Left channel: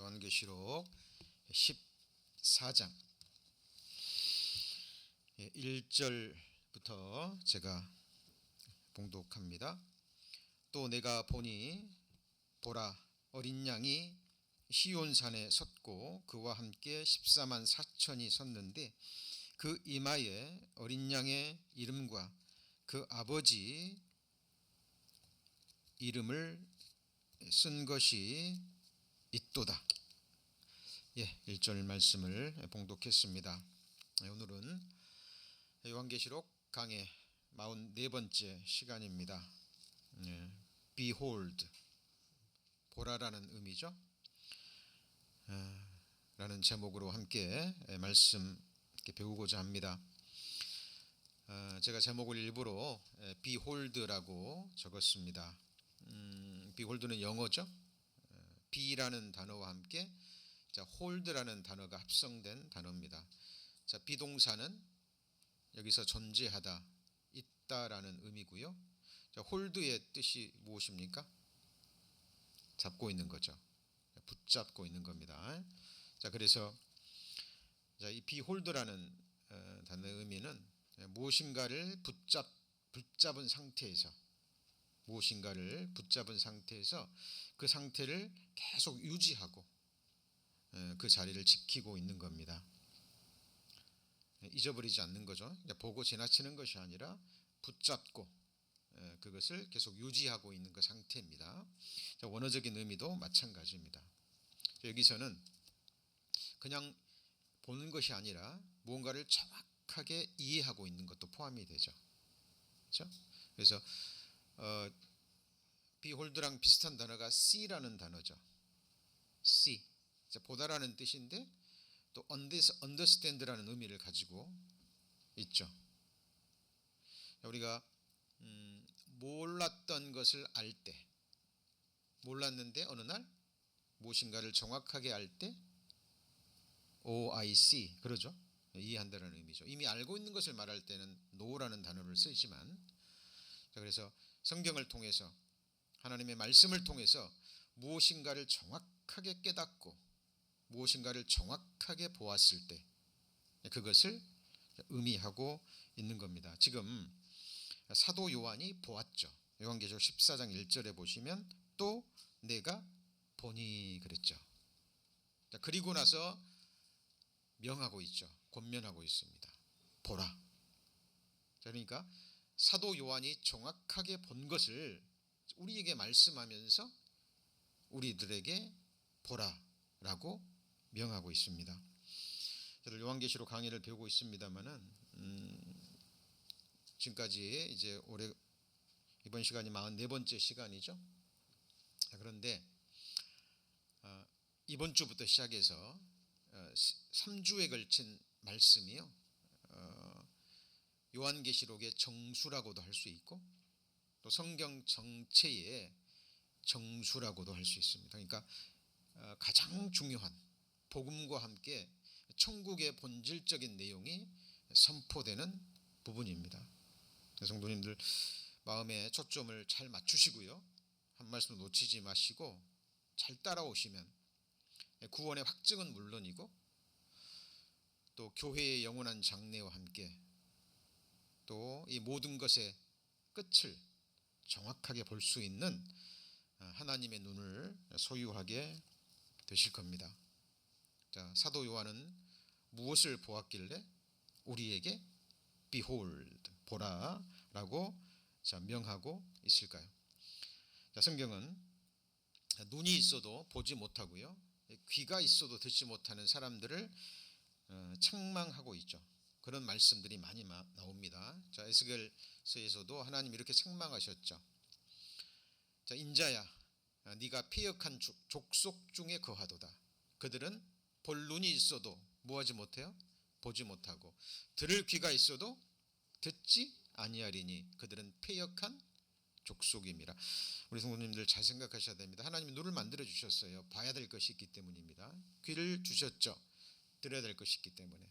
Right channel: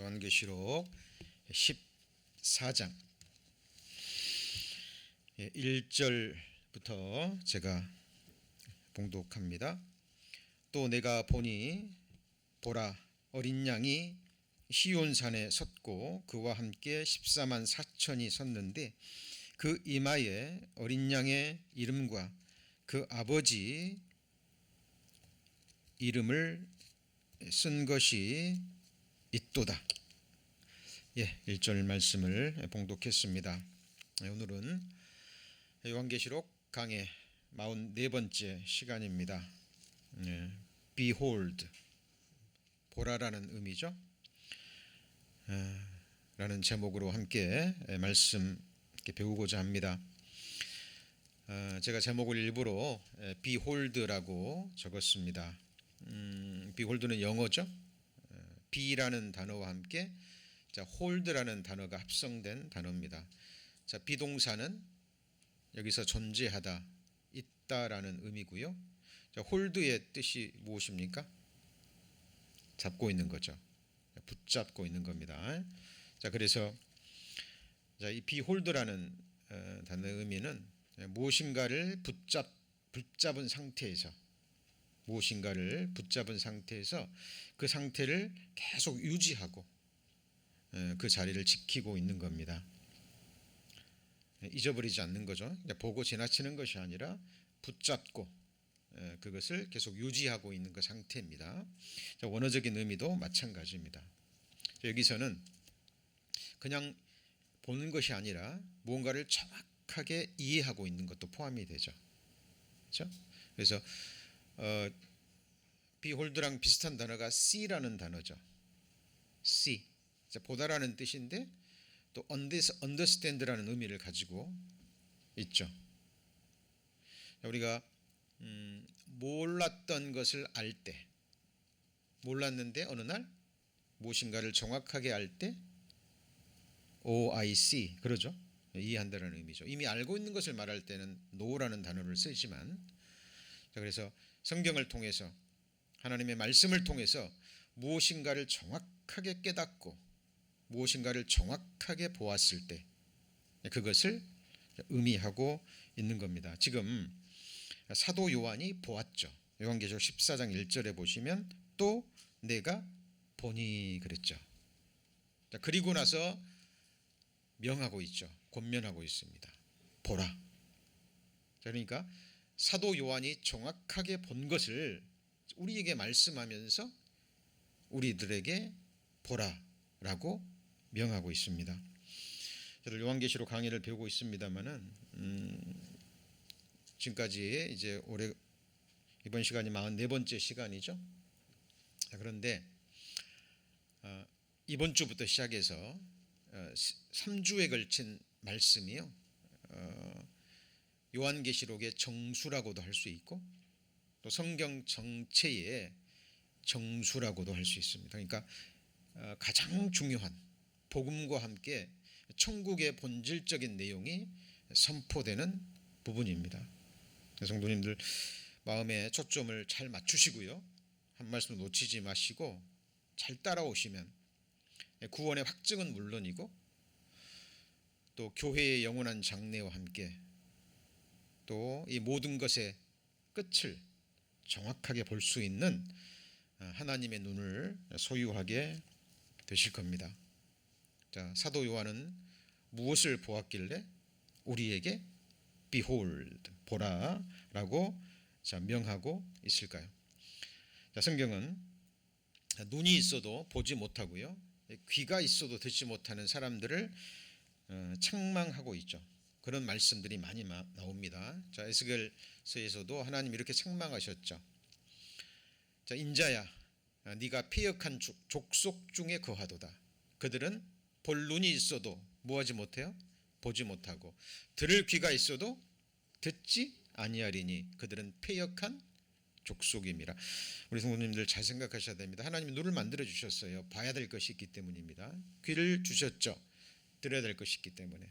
요한계시록 14장 1절부터 제가 봉독합니다. 또 내가 보니 보라 어린 양이 시온산에 섰고 그와 함께 14만 4천이 섰는데 그 이마에 어린 양의 이름과 그 아버지 이름을 쓴 것이 있도다. 1절 말씀을 봉독했습니다. 오늘은 요한계시록 강의 44번째 시간입니다. Behold, 보라라는 의미죠. 라는 제목으로 함께 말씀 배우고자 합니다. 제가 제목을 일부러 Behold라고 적었습니다. Behold는 영어죠. Be라는 단어와 함께 hold라는 단어가 합성된 단어입니다. 비동사는 여기서 존재하다, 있다라는 의미고요. hold의 뜻이 무엇입니까? 잡고 있는 거죠. 붙잡고 있는 겁니다. 그래서 이 behold라는 단어의 의미는 무엇인가를 붙잡은 상태에서 그 상태를 계속 유지하고 그 자리를 지키고 있는 겁니다. 잊어버리지 않는 거죠. 보고 지나치는 것이 아니라 붙잡고 그것을 계속 유지하고 있는 그 상태입니다. 원어적인 의미도 마찬가지입니다. 여기서는 그냥 보는 것이 아니라 무언가를 정확하게 이해하고 있는 것도 포함이 되죠. 그렇죠? 그래서 behold랑 비슷한 단어가 see라는 단어죠. see, 보다라는 뜻인데 또 understand라는 의미를 가지고 있죠. 우리가 몰랐던 것을 알 때, 몰랐는데 어느 날 무엇인가를 정확하게 알 때 Oh, I see, 그러죠. 이해한다는 의미죠. 이미 알고 있는 것을 말할 때는 know라는 단어를 쓰지만, 그래서 성경을 통해서 하나님의 말씀을 통해서 무엇인가를 정확하게 깨닫고 무엇인가를 정확하게 보았을 때 그것을 의미하고 있는 겁니다. 지금 사도 요한이 보았죠. 요한계시록 14장 1절에 보시면 또 내가 보니 그랬죠. 그리고 나서 명하고 있죠. 권면하고 있습니다. 보라. 그러니까 사도 요한이 정확하게 본 것을 우리에게 말씀하면서 우리들에게 보라라고 명하고 있습니다. 저도 요한계시록 강의를 배우고 있습니다만은 지금까지 이제 이번 시간이 44번째 시간이죠. 그런데 이번 주부터 시작해서 3주에 걸친 말씀이요. 요한계시록의 정수라고도 할 수 있고 또 성경 정체의 정수라고도 할 수 있습니다. 그러니까 가장 중요한 복음과 함께 천국의 본질적인 내용이 선포되는 부분입니다. 성도님들 마음에 초점을 잘 맞추시고요. 한 말씀 놓치지 마시고 잘 따라오시면 구원의 확증은 물론이고 또 교회의 영원한 장래와 함께 또 이 모든 것의 끝을 정확하게 볼 수 있는 하나님의 눈을 소유하게 되실 겁니다. 사도 요한은 무엇을 보았길래 우리에게 behold, 보라라고 명하고 있을까요? 성경은 눈이 있어도 보지 못하고요. 귀가 있어도 듣지 못하는 사람들을 책망하고 있죠. 그런 말씀들이 많이 나옵니다. 에스겔서에서도 하나님 이렇게 책망하셨죠. 인자야, 네가 패역한 족속 중에 거하도다. 그들은 볼 눈이 있어도 뭐하지 못해요? 보지 못하고 들을 귀가 있어도 듣지 아니하리니 그들은 패역한 족속임이라. 우리 성도님들 잘 생각하셔야 됩니다. 하나님이 눈을 만들어 주셨어요. 봐야 될 것이 있기 때문입니다. 귀를 주셨죠. 들어야 될 것이 있기 때문에.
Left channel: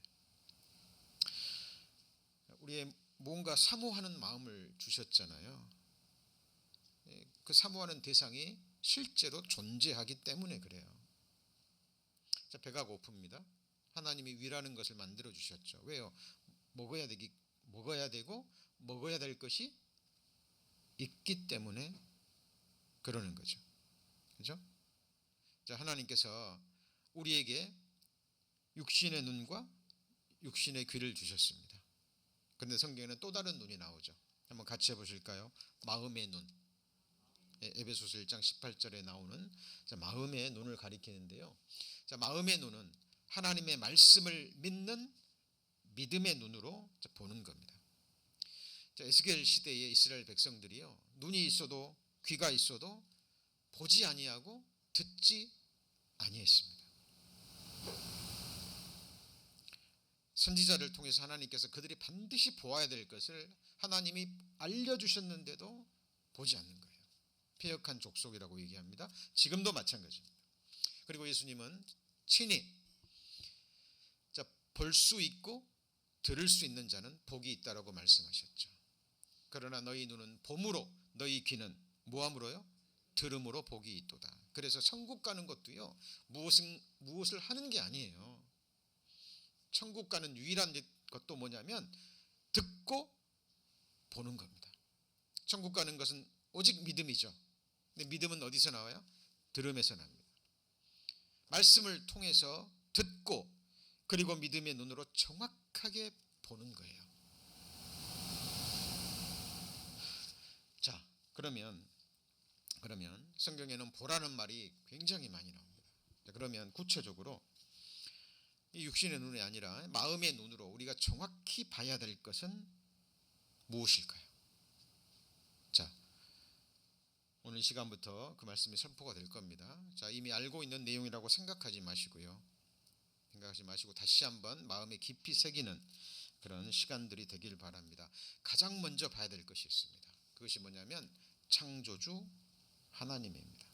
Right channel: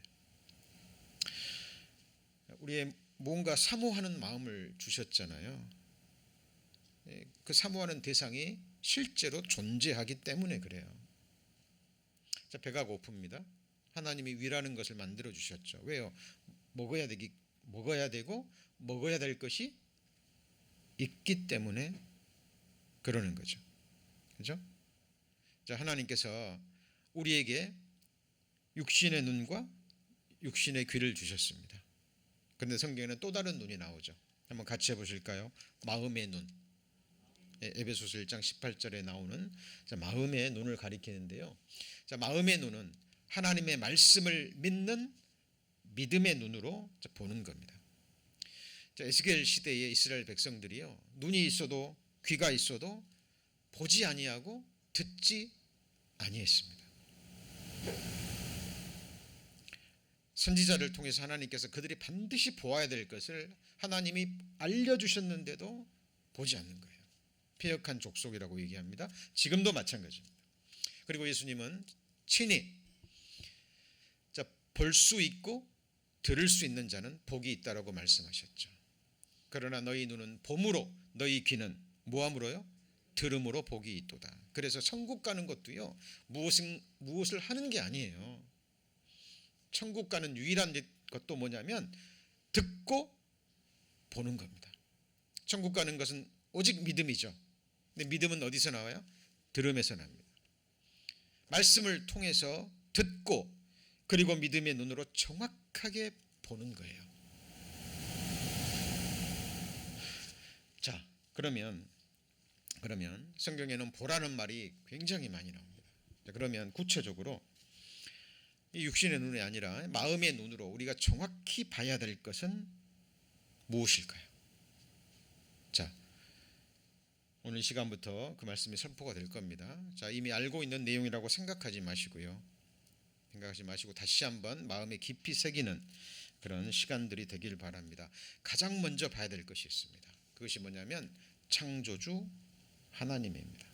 우리의 뭔가 사모하는 마음을 주셨잖아요. 그 사모하는 대상이 실제로 존재하기 때문에 그래요. 자, 배가 고픕니다. 하나님이 위라는 것을 만들어 주셨죠. 왜요? 먹어야 되고 먹어야 될 것이 있기 때문에 그러는 거죠. 그죠? 자, 하나님께서 우리에게 육신의 눈과 육신의 귀를 주셨습니다. 그런데 성경에는 또 다른 눈이 나오죠. 한번 같이 해보실까요? 마음의 눈. 에베소서 1장 18절에 나오는 마음의 눈을 가리키는데요. 자, 마음의 눈은 하나님의 말씀을 믿는 믿음의 눈으로 보는 겁니다. 자, 에스겔 시대의 이스라엘 백성들이요, 눈이 있어도 귀가 있어도 보지 아니하고 듣지 아니했습니다. 선지자를 통해서 하나님께서 그들이 반드시 보아야 될 것을 하나님이 알려주셨는데도 보지 않는 거예요. 패역한 족속이라고 얘기합니다. 지금도 마찬가지입니다. 그리고 예수님은 친히 볼 수 있고 들을 수 있는 자는 복이 있다라고 말씀하셨죠. 그러나 너희 눈은 봄으로 너희 귀는 무함으로요? 들음으로 복이 있도다. 그래서 천국 가는 것도요, 무엇을 하는 게 아니에요. 천국 가는 유일한 것도 뭐냐면 듣고 보는 겁니다. 천국 가는 것은 오직 믿음이죠. 근데 믿음은 어디서 나와요? 들음에서 납니다. 말씀을 통해서 듣고 그리고 믿음의 눈으로 정확하게 보는 거예요. 자, 그러면 성경에는 보라는 말이 굉장히 많이 나옵니다. 자, 그러면 구체적으로 이 육신의 눈이 아니라 마음의 눈으로 우리가 정확히 봐야 될 것은 무엇일까요? 자, 오늘 시간부터 그 말씀이 선포가 될 겁니다. 자, 이미 알고 있는 내용이라고 생각하지 마시고 다시 한번 마음에 깊이 새기는 그런 시간들이 되길 바랍니다. 가장 먼저 봐야 될 것이 있습니다. 그것이 뭐냐면 창조주 하나님입니다.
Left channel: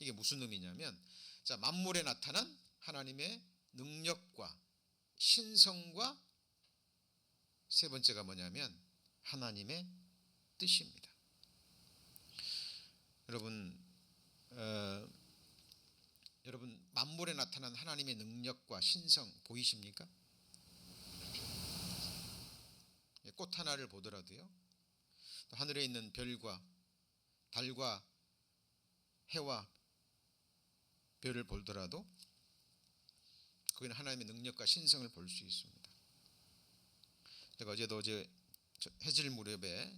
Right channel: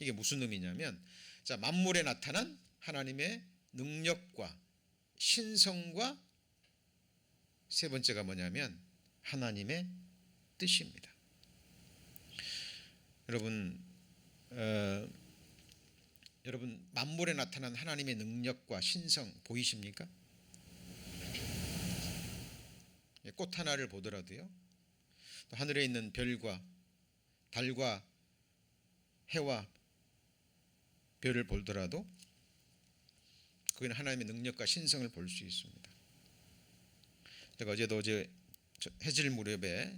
이게 무슨 의미냐면, 자, 만물에 나타난 하나님의 능력과 신성과 세 번째가 뭐냐면 하나님의 뜻입니다. 여러분 만물에 나타난 하나님의 능력과 신성 보이십니까? 꽃 하나를 보더라도요, 또 하늘에 있는 별과 달과 해와 별을 보더라도 그건 하나님의 능력과 신성을 볼 수 있습니다. 제가 어제도 해질 무렵에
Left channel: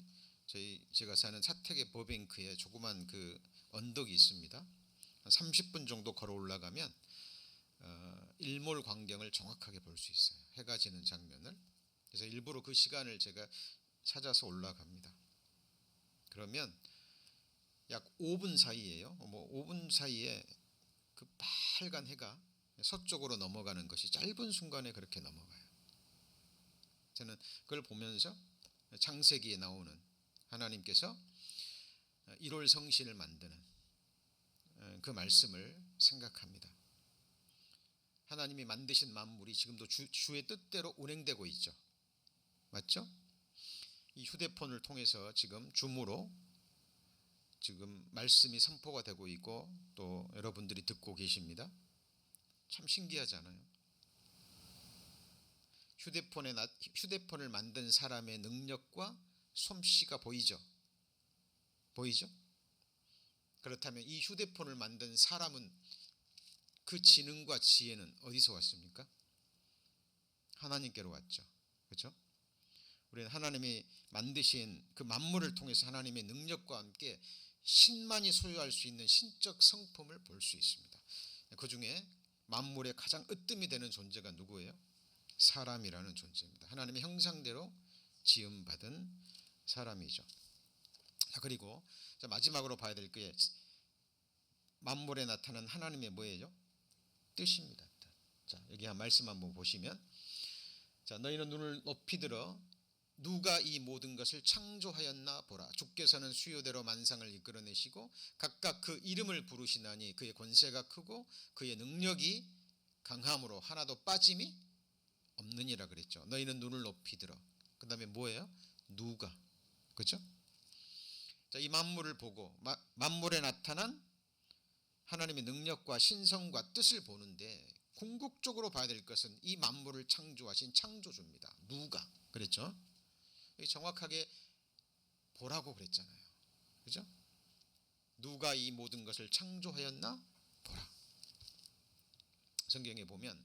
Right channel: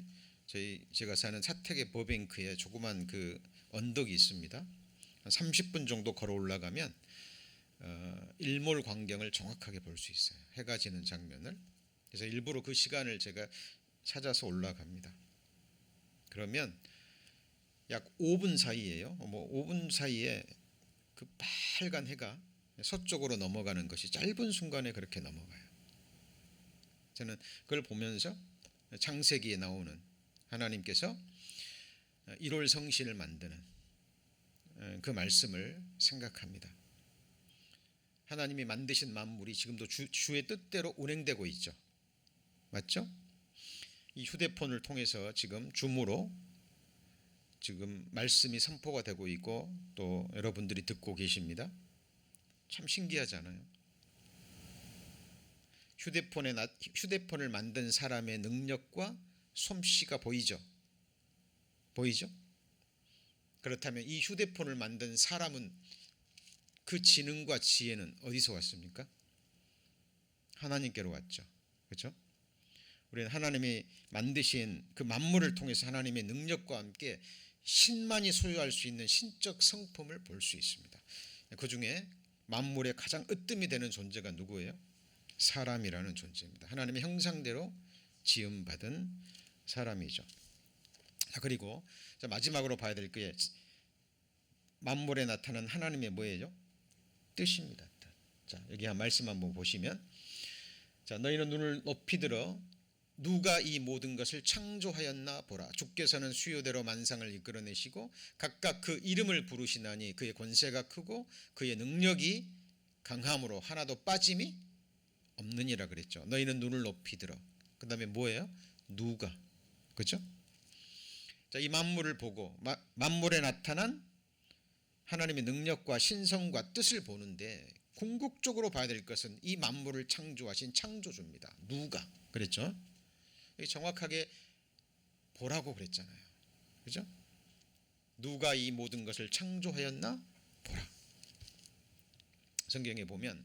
제가 사는 사택의 버뱅크에 조그만 그 언덕이 있습니다. 한 30분 정도 걸어 올라가면 일몰 광경을 정확하게 볼 수 있어요. 해가 지는 장면을. 그래서 일부러 그 시간을 제가 찾아서 올라갑니다. 그러면 약 5분 사이에요. 5분 사이에 그 빨간 해가 서쪽으로 넘어가는 것이 짧은 순간에 그렇게 넘어가요. 저는 그걸 보면서 창세기에 나오는 하나님께서 1월 성신을 만드는 그 말씀을 생각합니다. 하나님이 만드신 만물이 지금도 주의 뜻대로 운행되고 있죠. 맞죠? 이 휴대폰을 통해서 지금 줌으로 지금 말씀이 선포가 되고 있고 또 여러분들이 듣고 계십니다. 참 신기하잖아요. 휴대폰을 만든 사람의 능력과 솜씨가 보이죠? 그렇다면 이 휴대폰을 만든 사람은 그 지능과 지혜는 어디서 왔습니까? 하나님께로 왔죠. 그렇죠? 우리는 하나님이 만드신 그 만물을 통해서 하나님의 능력과 함께 신만이 소유할 수 있는 신적 성품을 볼 수 있습니다. 그 중에 만물의 가장 으뜸이 되는 존재가 누구예요? 사람이라는 존재입니다. 하나님의 형상대로 지음받은 사람이죠. 자, 그리고 마지막으로 봐야 될 게 만물에 나타난 하나님의 뭐예요? 뜻입니다. 자, 여기 한 말씀 한번 보시면, 자, 너희는 눈을 높이 들어 누가 이 모든 것을 창조하였나 보라. 주께서는 수요대로 만상을 이끌어내시고 각각 그 이름을 부르시나니 그의 권세가 크고 그의 능력이 강함으로 하나도 빠짐이 없느니라 그랬죠. 너희는 눈을 높이 들어. 그 다음에 뭐예요? 누가. 그렇죠? 자, 이 만물을 보고 만물에 나타난 하나님의 능력과 신성과 뜻을 보는데 궁극적으로 봐야 될 것은 이 만물을 창조하신 창조주입니다. 누가 그랬죠? 정확하게 보라고 그랬잖아요. 그죠? 누가 이 모든 것을 창조하였나 보라. 성경에 보면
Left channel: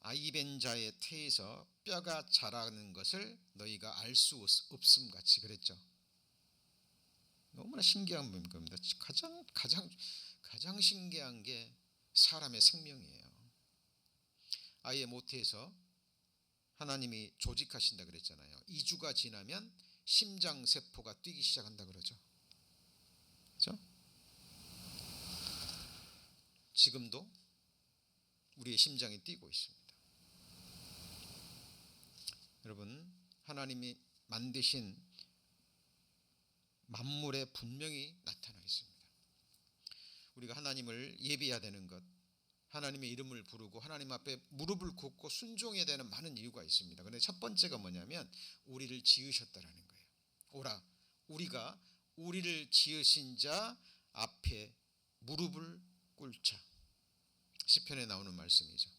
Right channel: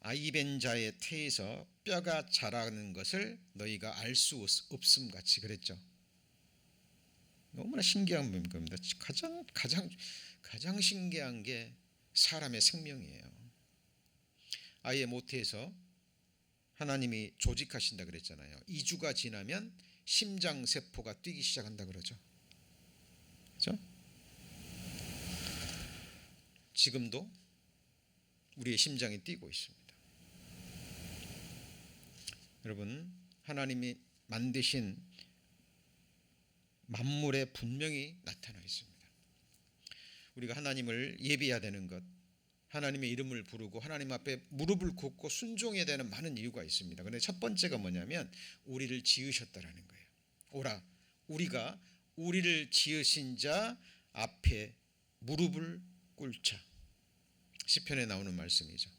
아이벤 자의 태에서 뼈가 자라는 것을 너희가 알 수 없음 같이 그랬죠. 너무나 신기한 겁니다. 가장 신기한 게 사람의 생명이에요. 아이의 모태에서 하나님이 조직하신다 그랬잖아요. 2주가 지나면 심장 세포가 뛰기 시작한다 그러죠. 그렇죠? 지금도 우리의 심장이 뛰고 있습니다. 여러분, 하나님이 만드신 만물에 분명히 나타나 있습니다. 우리가 하나님을 예배해야 되는 것, 하나님의 이름을 부르고 하나님 앞에 무릎을 꿇고 순종해야 되는 많은 이유가 있습니다. 그런데 첫 번째가 뭐냐면 우리를 지으셨다라는 거예요. 오라, 우리가 우리를 지으신 자 앞에 무릎을 꿇자. 시편에 나오는 말씀이죠.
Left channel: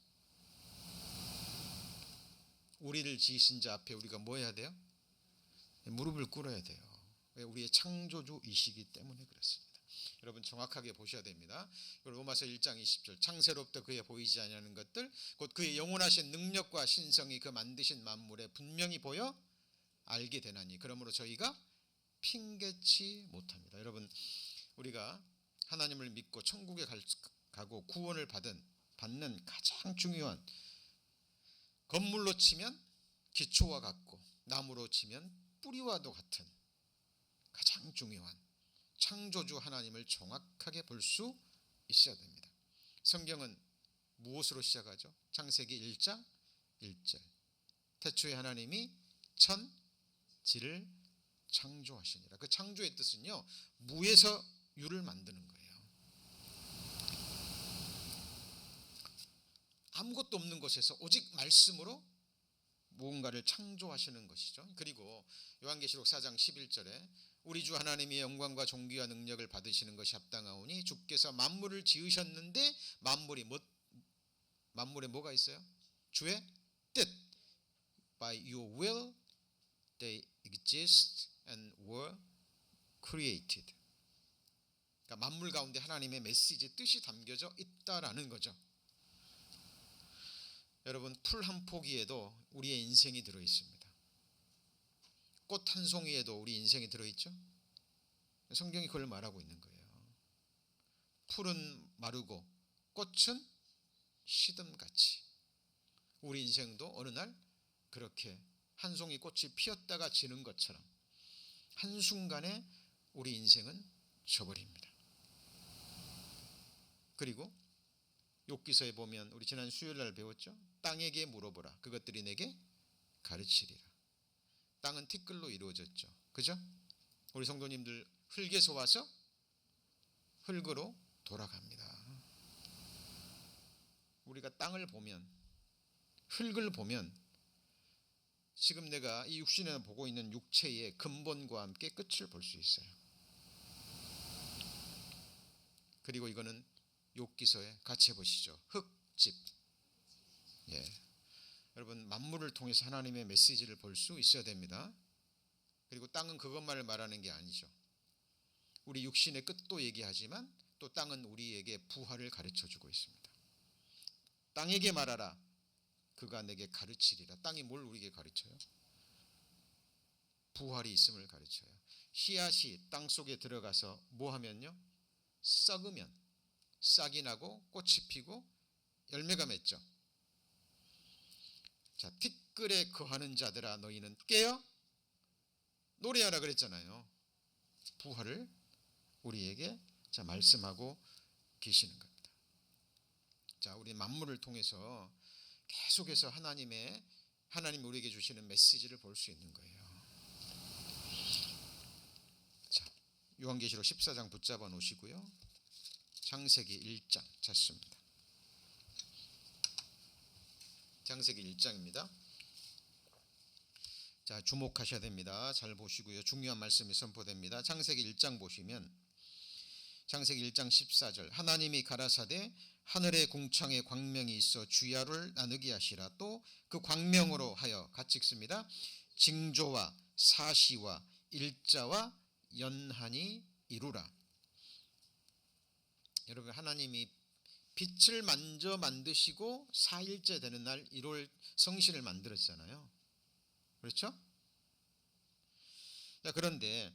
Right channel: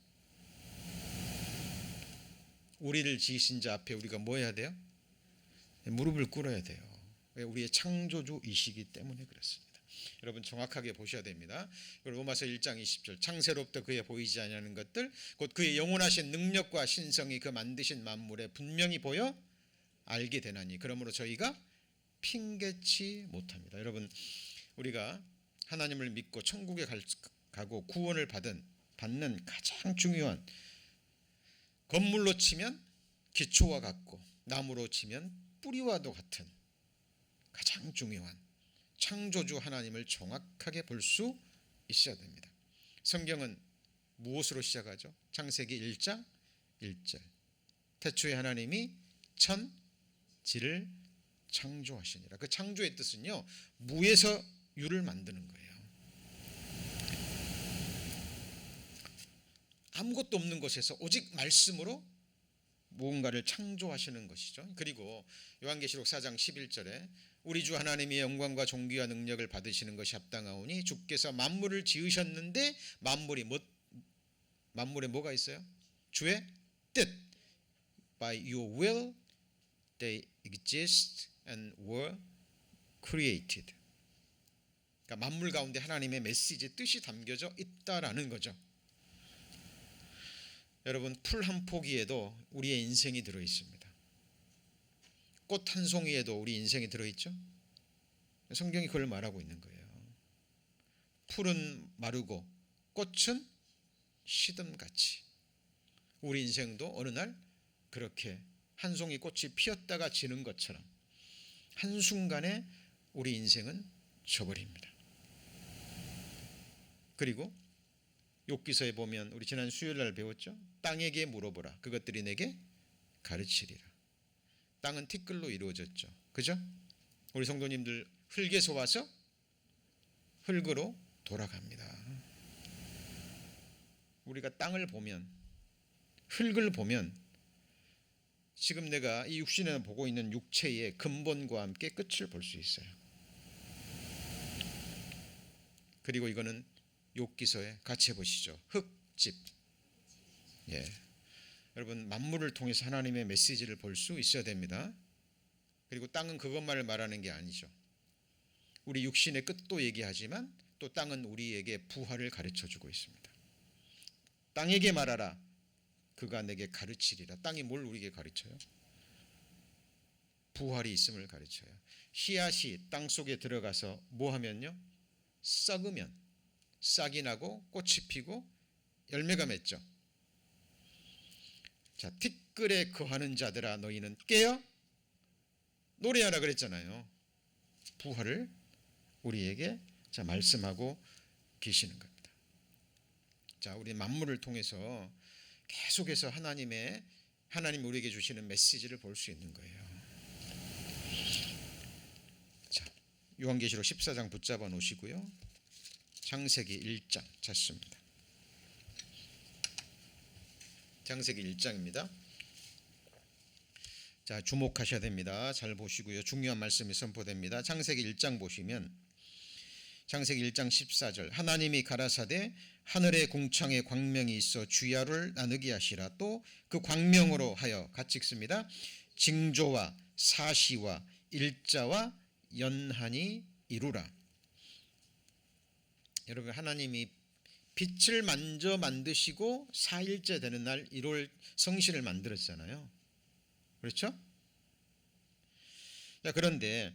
우리를 지으신 자 앞에 우리가 뭐 해야 돼요? 무릎을 꿇어야 돼요. 왜? 우리의 창조주이시기 때문에 그렇습니다. 여러분 정확하게 보셔야 됩니다. 로마서 1장 20절 창세로부터 그의 보이지 아니하는 것들 곧 그의 영원하신 능력과 신성이 그 만드신 만물에 분명히 보여 알게 되나니 그러므로 저희가 핑계치 못합니다. 여러분 우리가 하나님을 믿고 천국에 가고 구원을 받는 가장 중요한 건물로 치면 기초와 같고 나무로 치면 뿌리와도 같은 가장 중요한 창조주 하나님을 정확하게 볼 수 있어야 됩니다. 성경은 무엇으로 시작하죠? 창세기 1장 1절 태초에 하나님이 천지를 창조하시니라. 그 창조의 뜻은요 무에서 유를 만드는 거예요. 아무것도 없는 곳에서 오직 말씀으로 무언가를 창조하시는 것이죠. 그리고 요한계시록 4장 11절에 우리 주 하나님의 영광과 존귀와 능력을 받으시는 것이 합당하오니 주께서 만물을 지으셨는데 만물에 뭐가 있어요? 주의 뜻. By your will they exist and were created. 그러니까 만물 가운데 하나님의 메시지 뜻이 담겨져 있다라는 거죠. 여러분 풀 한 포기에도 우리의 인생이 들어있습니다. 꽃 한 송이에도 우리 인생이 들어있죠. 성경이 그걸 말하고 있는 거예요. 풀은 마르고 꽃은 시듬같이 우리 인생도 어느 날 그렇게 한 송이 꽃이 피었다가 지는 것처럼 한순간에 우리 인생은 져버립니다. 그리고 욥기서에 보면 우리 지난 수요일날 배웠죠. 땅에게 물어보라 그것들이 내게 가르치리라. 땅은 티끌로 이루어졌죠. 그죠? 우리 성도님들 흙에서 와서 흙으로 돌아갑니다. 우리가 땅을 보면 흙을 보면 지금 내가 이 육신에 보고 있는 육체의 근본과 함께 끝을 볼 수 있어요. 그리고 이거는 욥기서에 같이 해보시죠. 흙집. 예. 여러분 만물을 통해서 하나님의 메시지를 볼 수 있어야 됩니다. 그리고 땅은 그것만을 말하는 게 아니죠. 우리 육신의 끝도 얘기하지만 또 땅은 우리에게 부활을 가르쳐주고 있습니다. 땅에게 말하라 그가 내게 가르치리라. 땅이 뭘 우리에게 가르쳐요? 부활이 있음을 가르쳐요. 씨앗이 땅 속에 들어가서 뭐 하면요? 썩으면 싹이 나고 꽃이 피고 열매가 맺죠. 자, 티끌에 거하는 자들아 너희는 깨어 노래하라 그랬잖아요. 부활을 우리에게 자 말씀하고 계시는 겁니다. 자, 우리 만물을 통해서 계속해서 하나님이 우리에게 주시는 메시지를 볼 수 있는 거예요. 자, 요한계시록 14장 붙잡아 놓으시고요. 창세기 1장 찾습니다. 창세기 1장입니다. 자, 주목하셔야 됩니다. 잘 보시고요. 중요한 말씀이 선포됩니다. 창세기 1장 보시면 창세기 1장 14절 하나님이 가라사대 하늘의 궁창에 광명이 있어 주야를 나누게 하시라. 또 그 광명으로 하여 같이 읽습니다. 징조와 사시와 일자와 연한이 이루라. 여러분, 하나님이 빛을 만져 만드시고 4일째 되는 날 1월 성신을 만들었잖아요. 그렇죠? 자, 그런데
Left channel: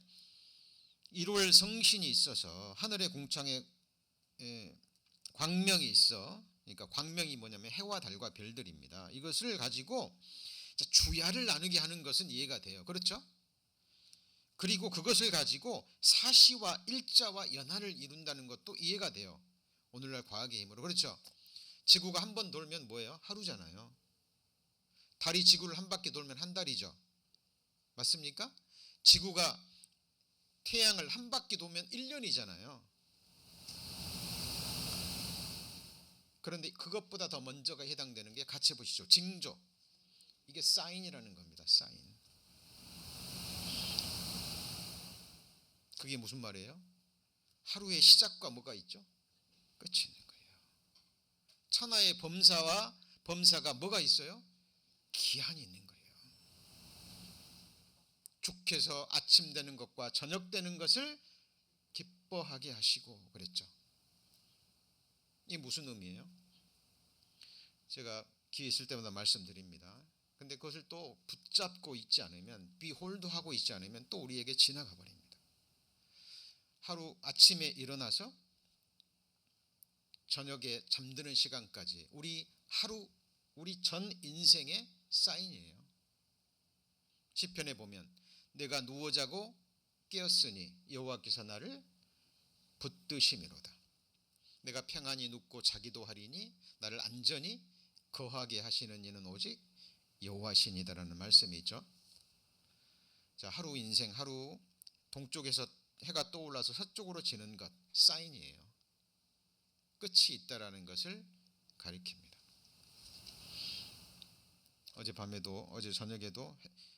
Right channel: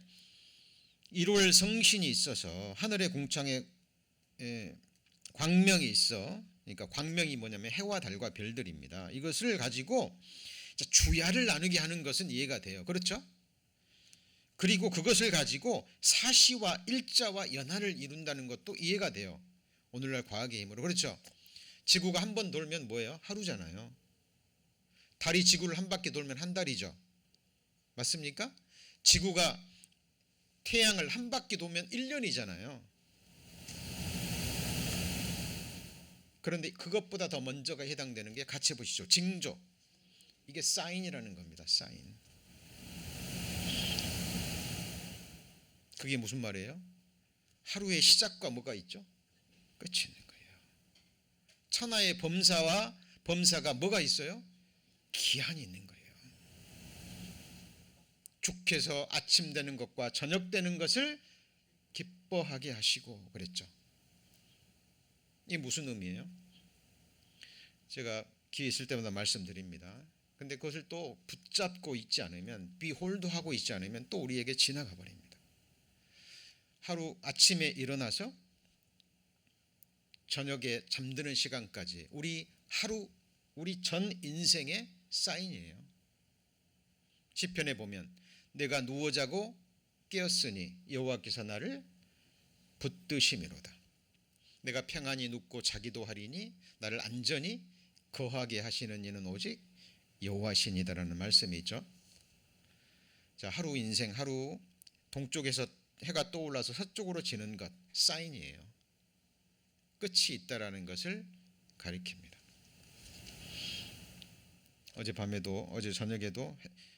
1월 성신이 있어서 하늘의 궁창에 광명이 있어. 그러니까 광명이 뭐냐면 해와 달과 별들입니다. 이것을 가지고 주야를 나누게 하는 것은 이해가 돼요. 그렇죠? 그리고 그것을 가지고 사시와 일자와 연한을 이룬다는 것도 이해가 돼요. 오늘날 과학의 힘으로. 그렇죠? 지구가 한 번 돌면 뭐예요? 하루잖아요. 달이 지구를 한 바퀴 돌면 한 달이죠. 맞습니까? 지구가 태양을 한 바퀴 돌면 1년이잖아요. 그런데 그것보다 더 먼저가 해당되는 게 같이 보시죠. 징조. 이게 사인이라는 겁니다. 사인. 그게 무슨 말이에요? 하루의 시작과 뭐가 있죠? 끝이 있는 거예요. 천하의 범사가 뭐가 있어요? 기한이 있는 거예요. 주께서 아침 되는 것과 저녁 되는 것을 기뻐하게 하시고 그랬죠. 이게 무슨 의미예요? 제가 기회 있을 때마다 말씀드립니다. 근데 그것을 또 붙잡고 있지 않으면, 비홀드하고 있지 않으면 또 우리에게 지나가 버립니다. 하루 아침에 일어나서 저녁에 잠드는 시간까지 우리 전 인생의 사인이에요. 시편에 보면 내가 누워 자고 깨었으니 여호와께서 나를 붙드심이로다. 내가 평안히 눕고 자기도 하리니 나를 안전히 거하게 하시는 이는 오직 여호와시니다라는 말씀이 있죠. 자, 하루 인생, 하루 동쪽에서 해가 떠올라서 서쪽으로 지는 것, 사인이에요. 끝이 있다라는 것을 가리킵니다. 어제 저녁에도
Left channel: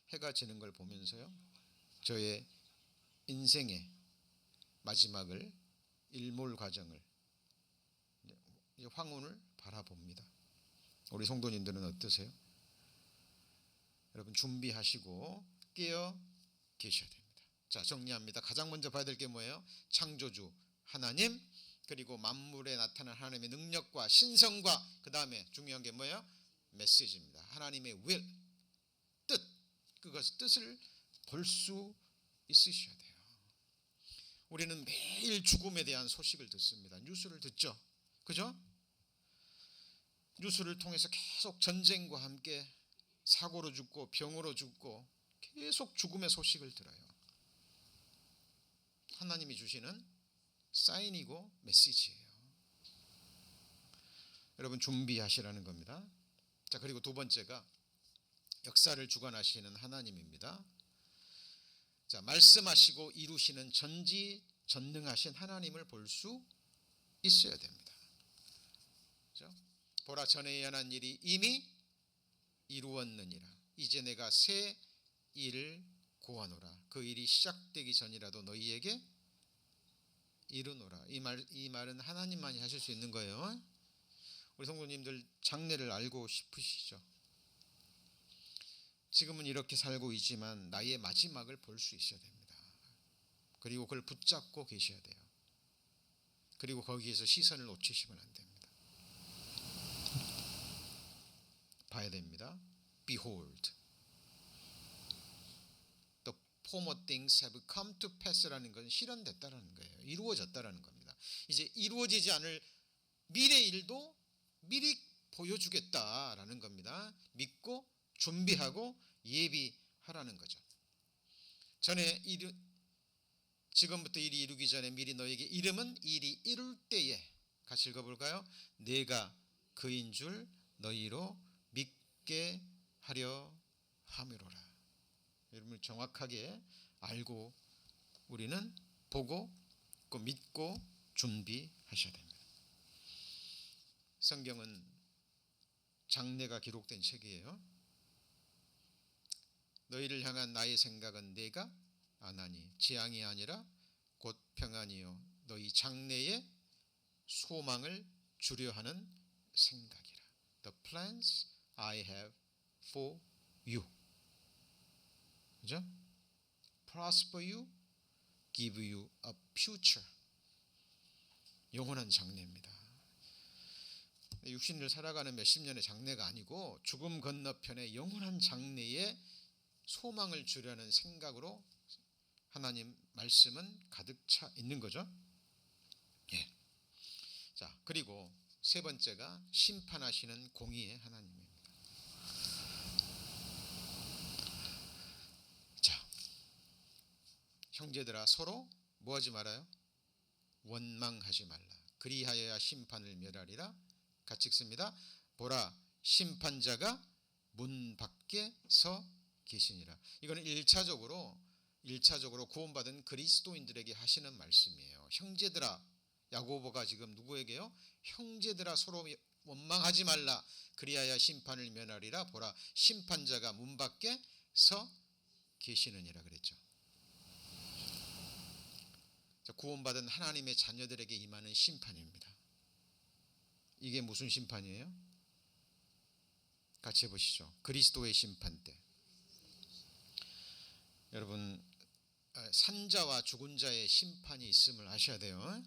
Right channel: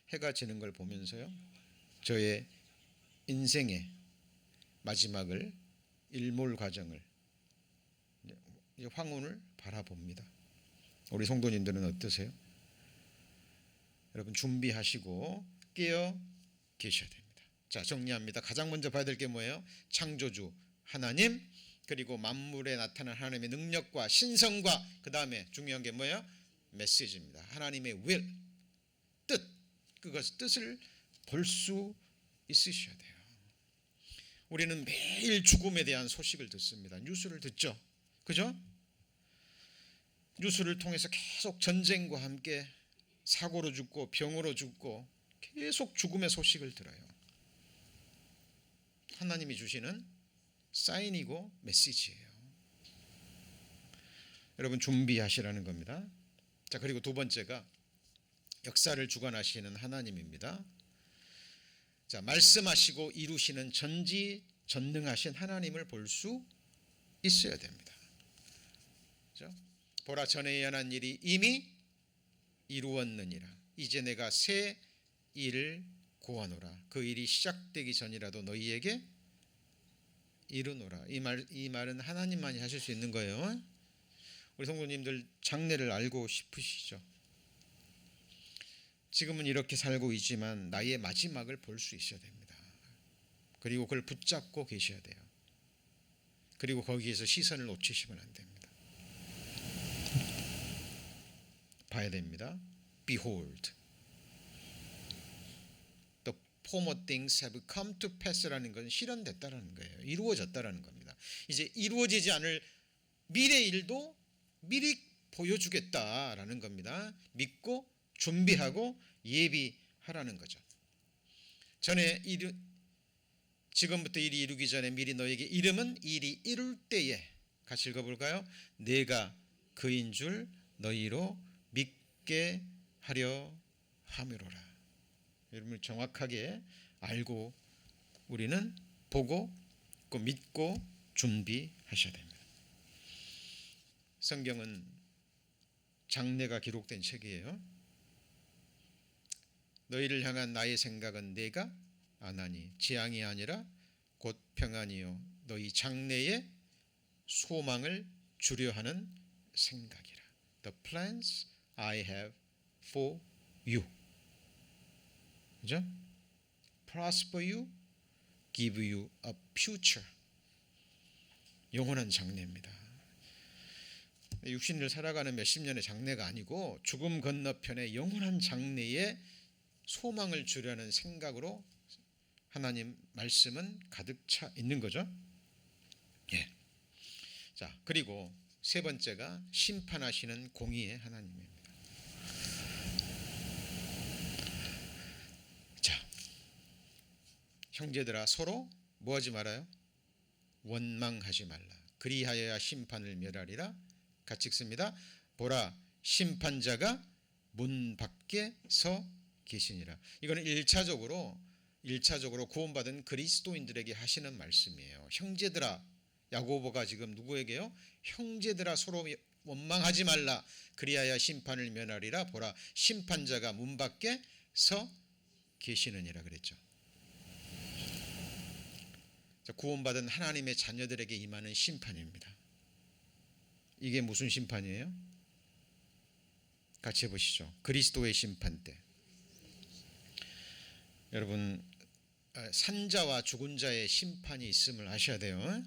해가 지는 걸 보면서요, 저의 인생의 마지막을, 일몰 과정을, 황혼을 바라봅니다. 우리 성도님들은 어떠세요? 여러분, 준비하시고 깨어 계셔야 됩니다. 자, 정리합니다. 가장 먼저 봐야 될 게 뭐예요? 창조주 하나님, 그리고 만물에 나타난 하나님의 능력과 신성과, 그 다음에 중요한 게 뭐예요? 메시지입니다. 하나님의 will, 뜻, 그것의 뜻을 볼 수 있으셔야 돼요. 우리는 매일 죽음에 대한 소식을 듣습니다. 뉴스를 듣죠. 그죠? 뉴스를 통해서 계속 전쟁과 함께 사고로 죽고 병으로 죽고 계속 죽음의 소식을 들어요. 하나님이 주시는 사인이고 메시지예요. 여러분, 준비하시라는 겁니다. 자, 그리고 두 번째가 역사를 주관하시는 하나님입니다. 자, 말씀하시고 이루시는 전지전능하신 하나님을 볼 수 있어야 됩니다. 그렇죠? 보라, 전에 예언한 일이 이미 이루었느니라. 이제 내가 새 일을 고하노라. 그 일이 시작되기 전이라도 너희에게 이르노라. 이 말은 하나님만이 하실 수 있는 거예요. 우리 성도님들 장래를 알고 싶으시죠? 지금은 이렇게 살고 있지만 나의 마지막을 볼 수 있어야 됩니다. 그리고 그걸 붙잡고 계셔야 돼요. 그리고 거기에서 시선을 놓치시면 안 됩니다. 봐야 됩니다. Behold, the former things have come to pass라는 것은 실현됐다라는 거예요. 이루어졌다라는 겁니다. 이제 이루어지지 않을 미래 일도 미리 보여주겠다라는 겁니다. 믿고 준비하고 예비하라는 거죠. 지금부터 일이 이루기 전에 미리 너에게 이름은 일이 이룰 때에, 같이 읽어볼까요? 내가 그인 줄 너희로 믿게 하려 함이로라. 여러분, 정확하게 알고 우리는 보고 또 믿고 준비하셔야 됩니다. 성경은 장래가 기록된 책이에요. 너희를 향한 나의 생각은 내가 아나니 재앙이 아니라 곧 평안이요 너희 장래의 소망을 주려 하는 생각이라. The plans I have for you. 그죠? Prosper you, give you a future. 영원한 장래입니다. 육신을 살아가는 몇십 년의 장래가 아니고 죽음 건너편에 영원한 장래에 소망을 주려는 생각으로 하나님 말씀은 가득 차 있는 거죠. 예. 자, 그리고 세 번째가 심판하시는 공의의 하나님입니다. 자, 형제들아 서로 뭐 하지 말아요? 원망하지 말라. 그리하여야 심판을 멸하리라. 같이 읽습니다. 보라, 심판자가 문 밖에 서 계시니라. 이거는 1차적으로 구원받은 그리스도인들에게 하시는 말씀이에요. 형제들아, 야고보가 지금 누구에게요? 형제들아 서로 원망하지 말라. 그리하여 심판을 면하리라. 보라, 심판자가 문 밖에 서 계시느니라 그랬죠. 구원받은 하나님의 자녀들에게 임하는 심판입니다. 이게 무슨 심판이에요? 같이 해보시죠. 그리스도의 심판 때. 여러분, 산자와 죽은 자의 심판이 있음을 아셔야 돼요.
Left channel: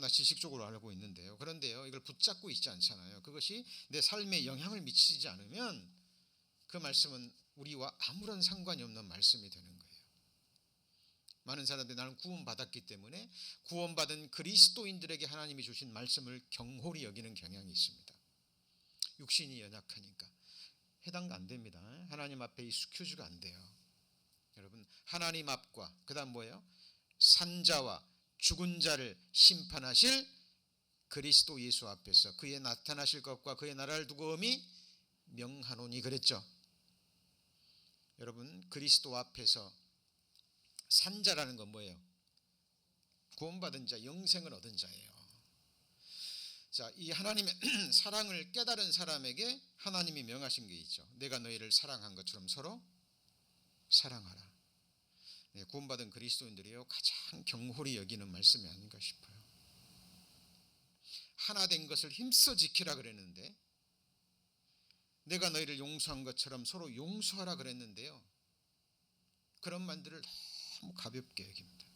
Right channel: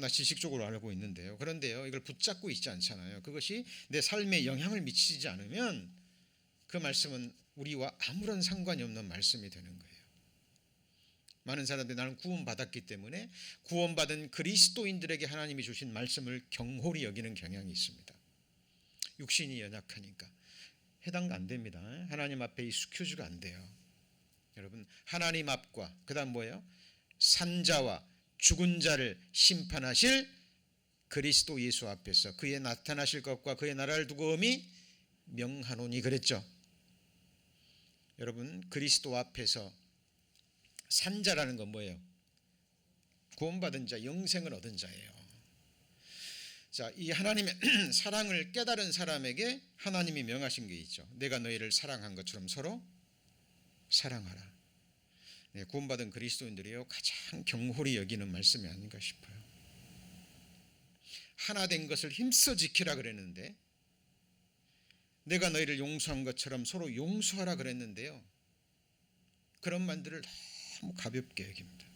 나 지식적으로 알고 있는데요. 그런데요, 이걸 붙잡고 있지 않잖아요. 그것이 내 삶에 영향을 미치지 않으면 그 말씀은 우리와 아무런 상관이 없는 말씀이 되는 거예요. 많은 사람들이 나는 구원받았기 때문에 구원받은 그리스도인들에게 하나님이 주신 말씀을 경홀히 여기는 경향이 있습니다. 육신이 연약하니까 해당 안 됩니다. 하나님 앞에 이 스큐즈가 안 돼요. 여러분, 하나님 앞과 그 다음 뭐예요? 산자와 죽은 자를 심판하실 그리스도 예수 앞에서 그의 나타나실 것과 그의 나라를 두고 엄히 명하노니 그랬죠. 여러분, 그리스도 앞에서 산자라는 건 뭐예요? 구원받은 자, 영생을 얻은 자예요. 자, 이 하나님의 사랑을 깨달은 사람에게 하나님이 명하신 게 있죠. 내가 너희를 사랑한 것처럼 서로 사랑하라. 네, 구원받은 그리스도인들이요 가장 경홀히 여기는 말씀이 아닌가 싶어요. 하나 된 것을 힘써 지키라 그랬는데, 내가 너희를 용서한 것처럼 서로 용서하라 그랬는데요, 그런 말들을 너무 가볍게 여깁니다.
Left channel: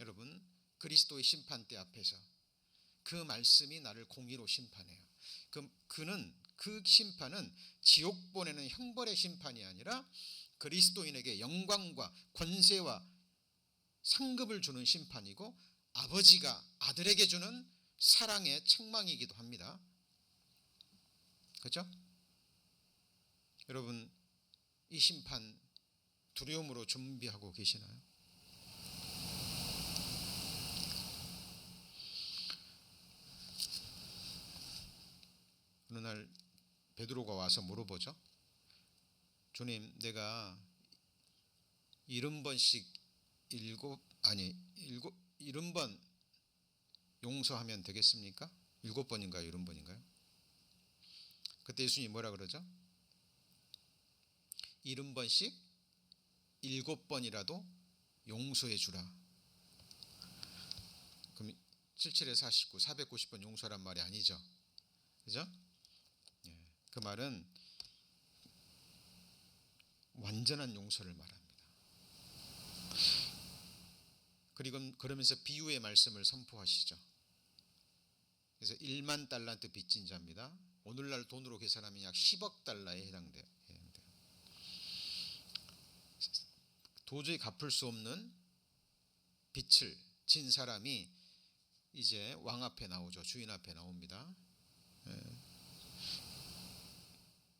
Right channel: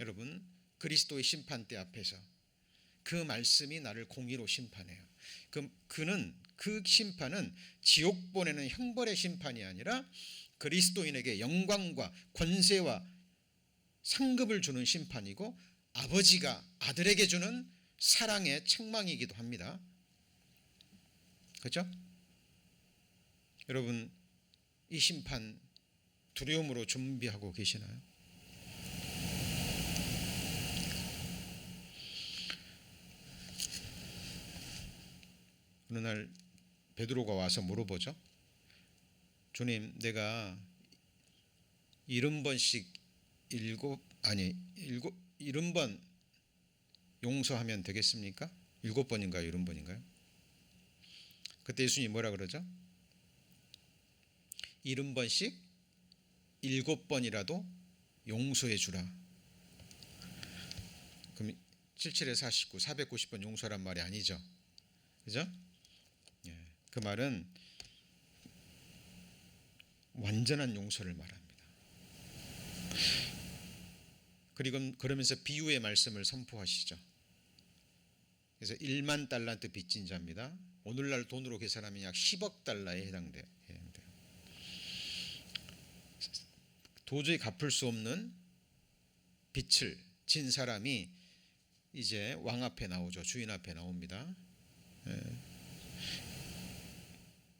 여러분, 그리스도의 심판대 앞에서 그 말씀이 나를 공의로 심판해요. 그 심판은 지옥 보내는 형벌의 심판이 아니라 그리스도인에게 영광과 권세와 상급을 주는 심판이고, 아버지가 아들에게 주는 사랑의 책망이기도 합니다. 그렇죠? 여러분, 이 심판 두려움으로 준비하고 계시나요? 어느 날 베드로가 와서 물어보죠. 주님, 내가 70번씩 70번 용서하면 되겠습니까? 7번인가요? 70번인가요? 그때 예수님이 뭐라 그러죠? 70번씩 7번이라도 용서해 주라. 그럼 77에 49, 490번 용서란 말이 아니죠. 그죠? 예, 그 말은 완전한 용서를 말합니다. 그리고 그러면서 비유의 말씀을 선포하시죠. 그래서 1만 달란트 빚진 자입니다. 오늘날 돈으로 계산하면 약 10억 달러에 해당돼요. 도저히 갚을 수 없는 빚을 진 사람이 이제 왕 앞에 나오죠. 주인 앞에 나옵니다.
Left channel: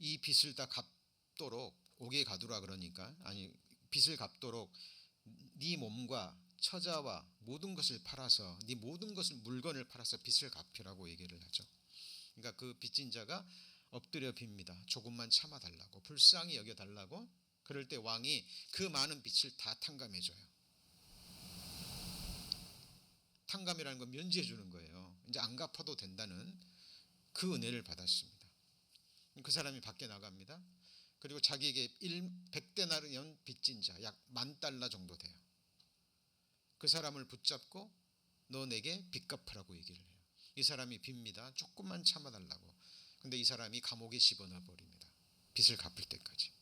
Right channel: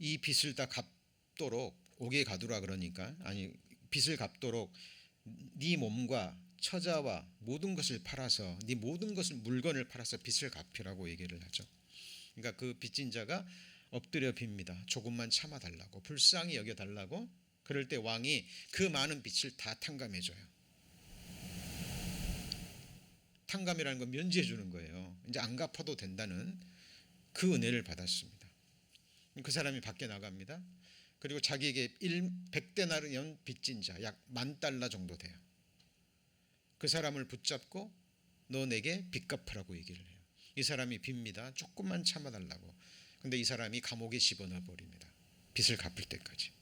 이 빚을 다 갚도록 옥에 가두라 그러니까, 아니, 빚을 갚도록 네 몸과 처자와 모든 것을 팔아서, 네 모든 것을 물건을 팔아서 빚을 갚으라고 얘기를 하죠. 그러니까 그 빚진 자가 엎드려 빕니다. 조금만 참아달라고, 불쌍히 여겨달라고. 그럴 때 왕이 그 많은 빚을 다 탕감해줘요. 탕감이라는 건 면제해 주는 거예요. 이제 안 갚아도 된다는 그 은혜를 받았습니다. 그 사람이 밖에 나갑니다. 그리고 자기에게 100데나리온 빚진 자 약 $10,000 정도 돼요. 그 사람을 붙잡고 너 내게 빚 갚으라고 얘기를 해요. 이 사람이 빕니다. 조금만 참아달라고. 근데 이 사람이 감옥에 집어넣어 버립니다. 빚을 갚을 때까지.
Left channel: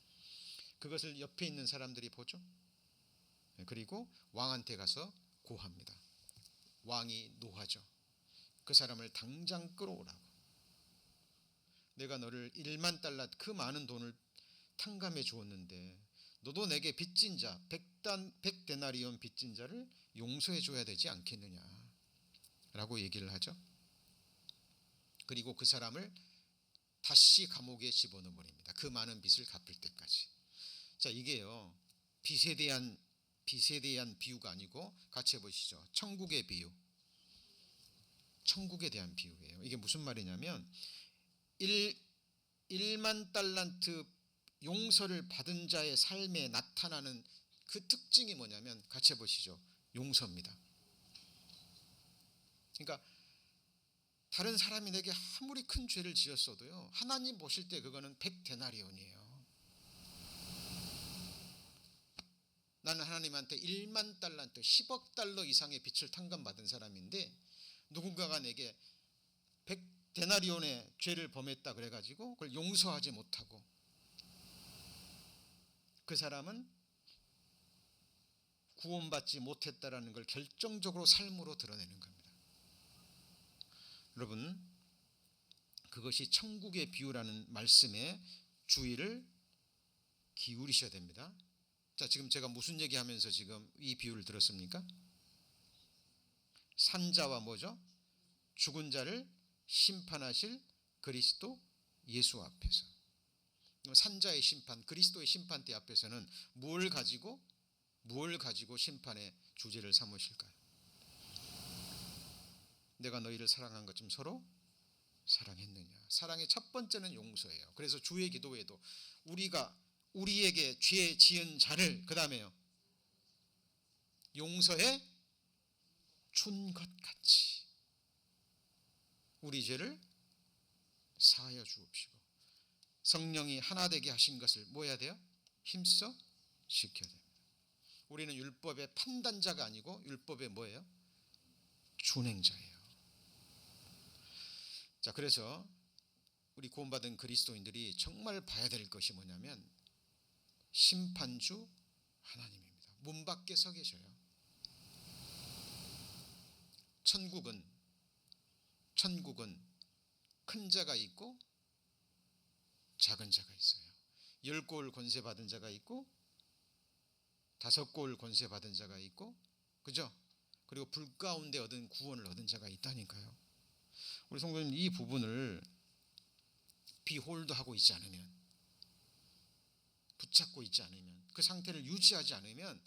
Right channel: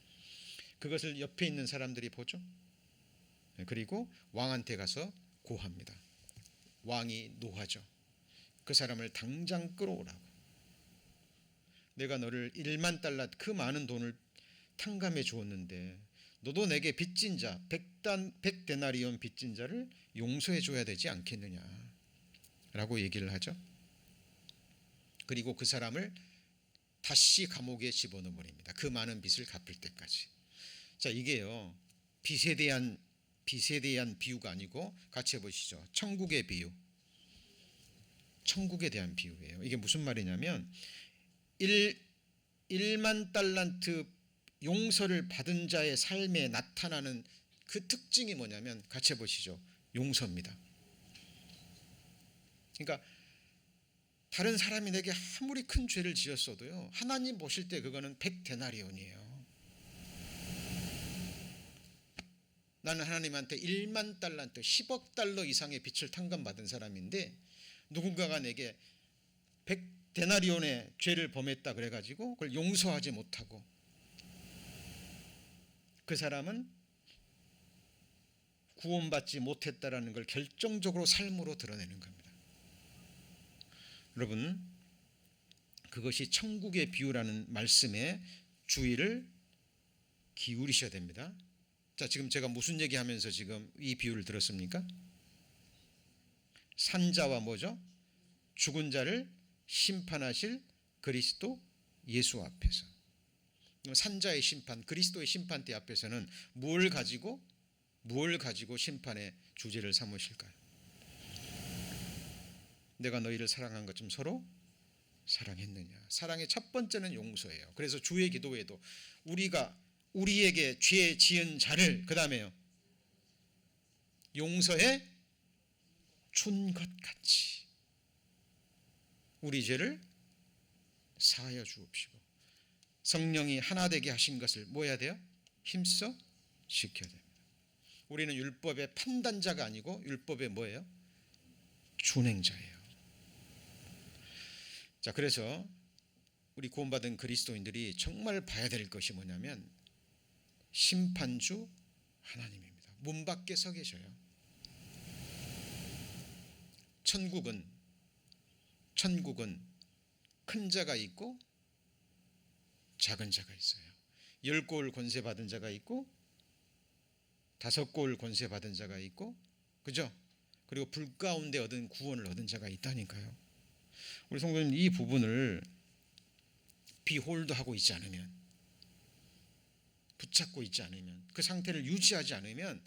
그것을 옆에 있는 사람들이 보죠. 그리고 왕한테 가서 고합니다. 왕이 노하죠. 그 사람을 당장 끌어오라고. 내가 너를 $10,000,000 그 많은 돈을 탕감해 주었는데 너도 내게 빚진 자 100데나리온 빚진 자를 용서해 줘야 되지 않겠느냐 라고 얘기를 하죠. 그리고 그 사람을 다시 감옥에 집어넣어 버립니다. 그 많은 빚을 갚을 때까지. 자, 이게요 빚에 대한 비유가 아니고 같이 해보시죠. 천국의 비유. 천국에 대한 비유예요. 이게 무슨 말이냐면 1만 달란트 용서를 받은 자의 삶에 나타나는 그 특징이 뭐냐면 같이 해보시죠. 용서입니다. 그러니까 다른 사람이 내게 아무리 큰 죄를 지었어도요 하나님 보실 때 그거는 100데나리온이에요. 나는 하나님한테 1만 달란트 10억 달러 이상의 빚을 탕감받은 사람인데 누군가가 내게 100데나리온의 죄를 범했다 그래가지고 그걸 용서하지 못하고 그 사람은 구원받지 못했다라는 걸 결정적으로 삶으로 드러내는 겁니다. 여러분, 그것이 천국의 비유라는 말씀에 주의를 기울이셔야 됩니다. 자, 지금 제가 무슨 얘기하면서 지금 이 비유를 들었습니까? 산자와 뭐죠? 죽은 자를 심판하실 그리스도 예수 앞에서. 산자의 심판, 그리스도의 심판대 앞에서는 뭘 가지고 심판의 주제를 삼으실까요? 내가 너희를 사랑한 것처럼 서로 사랑했느냐. 사랑의 첫 번째는 용서예요. 그래서 주의 기도에도 우리에게 죄 지은 자를 그 다음에요 용서해 준 것 같이 우리 죄를 사하여 주옵시고 성령이 하나 되게 하신 것을 뭐 해야 돼요? 힘써 지켜야 됩니다. 우리는 율법의 판단자가 아니고 율법의 뭐예요? 준행자예요. 자, 그래서 우리 구원받은 그리스도인들이 정말 봐야 될 것이 뭐냐면 심판주 하나님입니다. 문 밖에 서 계셔요. 천국은 큰 자가 있고 작은 자가 있어요. 10골 권세 받은 자가 있고 5골 권세 받은 자가 있고, 그죠? 그리고 불 가운데 얻은 구원을 얻은 자가 있다니까요. 우리 성도님 이 부분을 비홀드하고 있지 않으면, 붙잡고 있지 않으면, 그 상태를 유지하지 않으면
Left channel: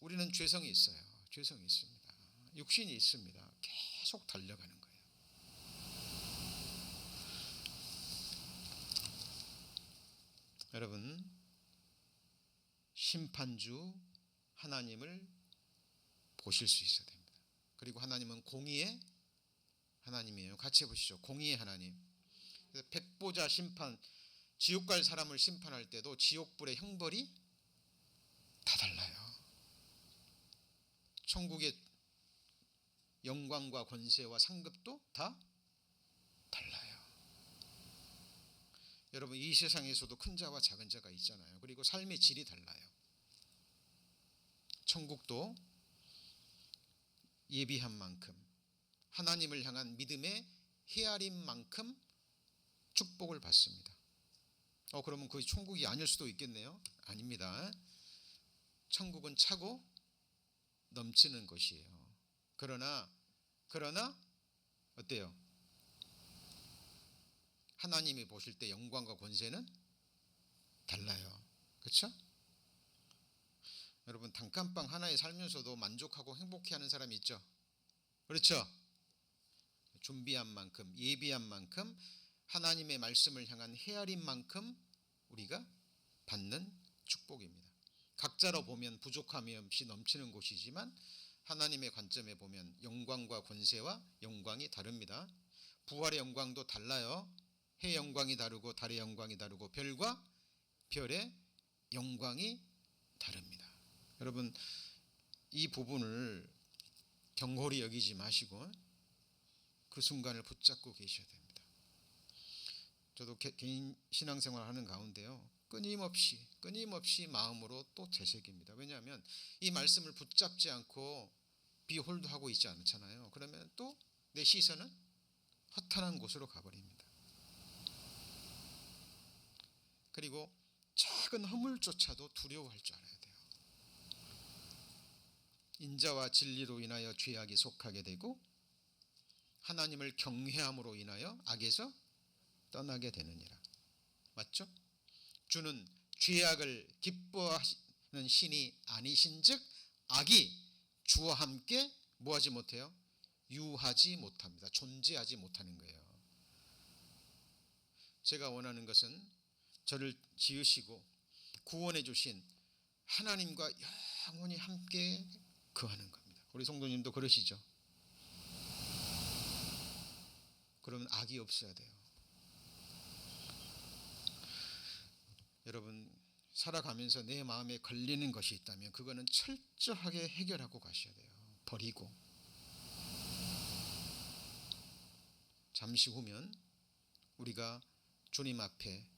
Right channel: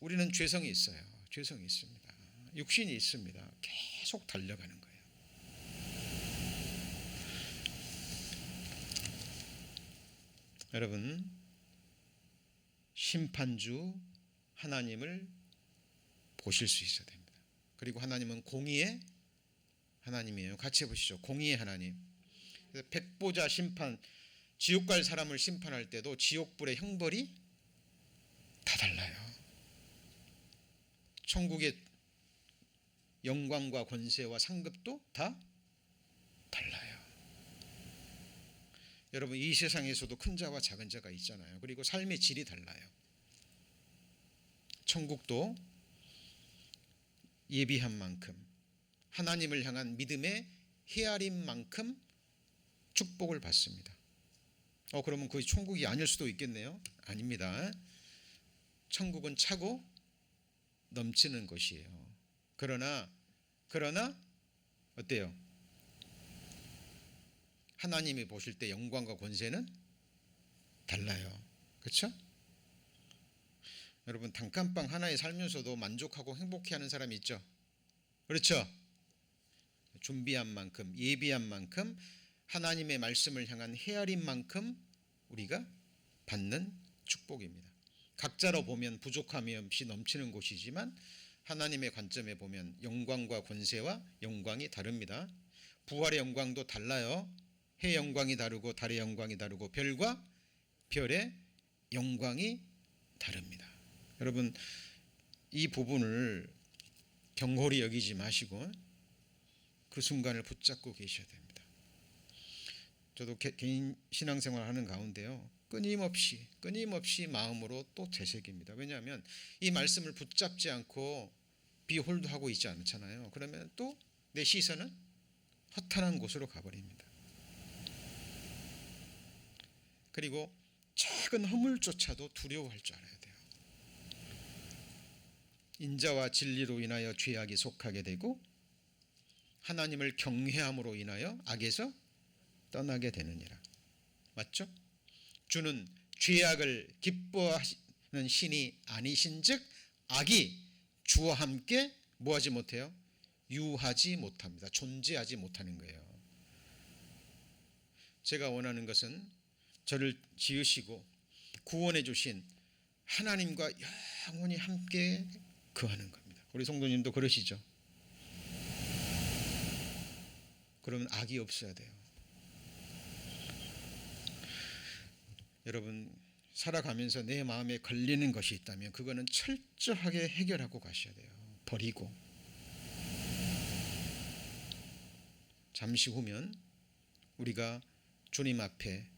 우리는 죄성이 있어요. 죄성이 있습니다. 육신이 있습니다. 계속 달려가는 거예요. 여러분, 심판주 하나님을 보실 수 있어야 됩니다. 그리고 하나님은 공의의 하나님이에요. 같이 해보시죠. 공의의 하나님. 백보자 심판, 지옥 갈 사람을 심판할 때도 지옥불의 형벌이 다 달라요. 천국의 영광과 권세와 상급도 다 달라요. 여러분, 이 세상에서도 큰 자와 작은 자가 있잖아요. 그리고 삶의 질이 달라요. 천국도 예비한 만큼, 하나님을 향한 믿음의 헤아린 만큼 축복을 받습니다. 그러면 그 천국이 아닐 수도 있겠네요. 아닙니다. 천국은 차고 넘치는 것이에요. 그러나 어때요? 하나님이 보실 때 영광과 권세는 달라요. 그렇죠? 여러분, 단칸방 하나에 살면서도 만족하고 행복해하는 사람이 있죠. 그렇죠? 준비한 만큼, 예비한 만큼, 하나님의 말씀을 향한 헤아린 만큼 우리가 받는 축복입니다. 각자로 보면 부족함이 없이 넘치는 곳이지만 하나님의 관점에 보면 영광과 권세와 영광이 다릅니다. 부활의 영광도 달라요. 해 영광이 다르고 달의 영광이 다르고 별과 별의 영광이 다릅니다. 여러분, 이 부분을 경홀히 여기지 마시고 그 순간을 붙잡고 계셔야 됩니다. 저도 개인 신앙생활 하는 가운데요, 끊임없이 마음으로 또 되새깁니다. 왜냐하면 이 말씀을 붙잡지 않고 비홀드하고 있지 않잖아요. 그러면 또 내 시선은 허탄한 곳으로 가버립니다. 그리고 작은 허물조차도 두려워할 줄 알아야 돼요. 인자와 진리로 인하여 죄악이 속하게 되고 하나님을 경외함으로 인하여 악에서 떠나게 되느니라. 맞죠? 주는 죄악을 기뻐하시는 신이 아니신즉 악이 주와 함께 뭐하지 못해요? 유하지 못합니다. 존재하지 못하는 거예요. 제가 원하는 것은 저를 지으시고 구원해 주신 하나님과 영원히 함께 거하는 겁니다. 우리 성도님도 그러시죠? 그러면 악이 없어야 돼요. 여러분, 살아가면서 내 마음에 걸리는 것이 있다면 그거는 철저하게 해결하고 가셔야 돼요. 버리고. 잠시 후면 우리가 주님 앞에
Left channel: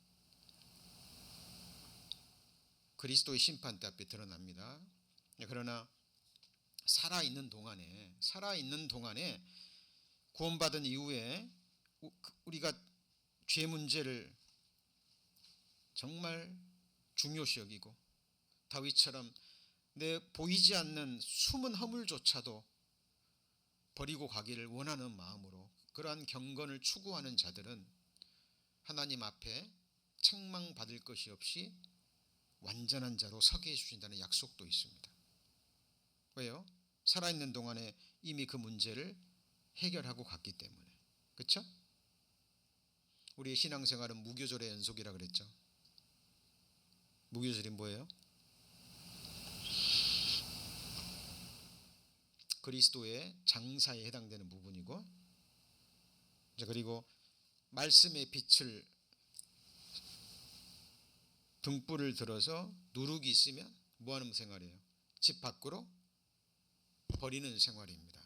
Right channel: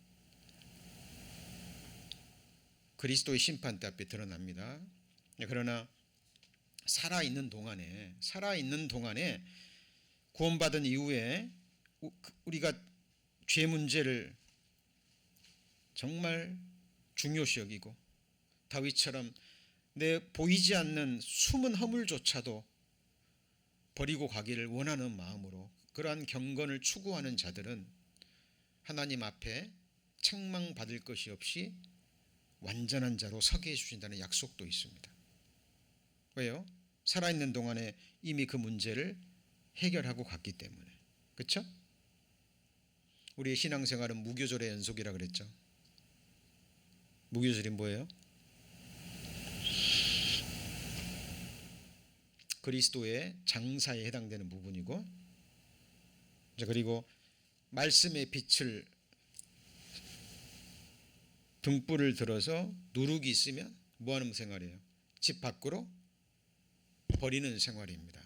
그리스도의 심판대 앞에 드러납니다. 그러나 살아있는 동안에 구원받은 이후에 우리가 죄 문제를 정말 중요시 여기고 다윗처럼 내 보이지 않는 숨은 허물조차도 버리고 가기를 원하는 마음으로 그러한 경건을 추구하는 자들은 하나님 앞에 책망받을 것이 없이 완전한 자로 서게 해주신다는 약속도 있습니다. 왜요? 살아있는 동안에 이미 그 문제를 해결하고 갔기 때문에. 그렇죠? 우리의 신앙생활은 무교절의 연속이라 그랬죠. 무교절이 뭐예요? 그리스도의 장사에 해당되는 부분이고, 그리고 말씀의 빛을 등불을 들어서 누룩이 있으면 뭐하는 생활이에요? 집 밖으로 버리는 생활입니다.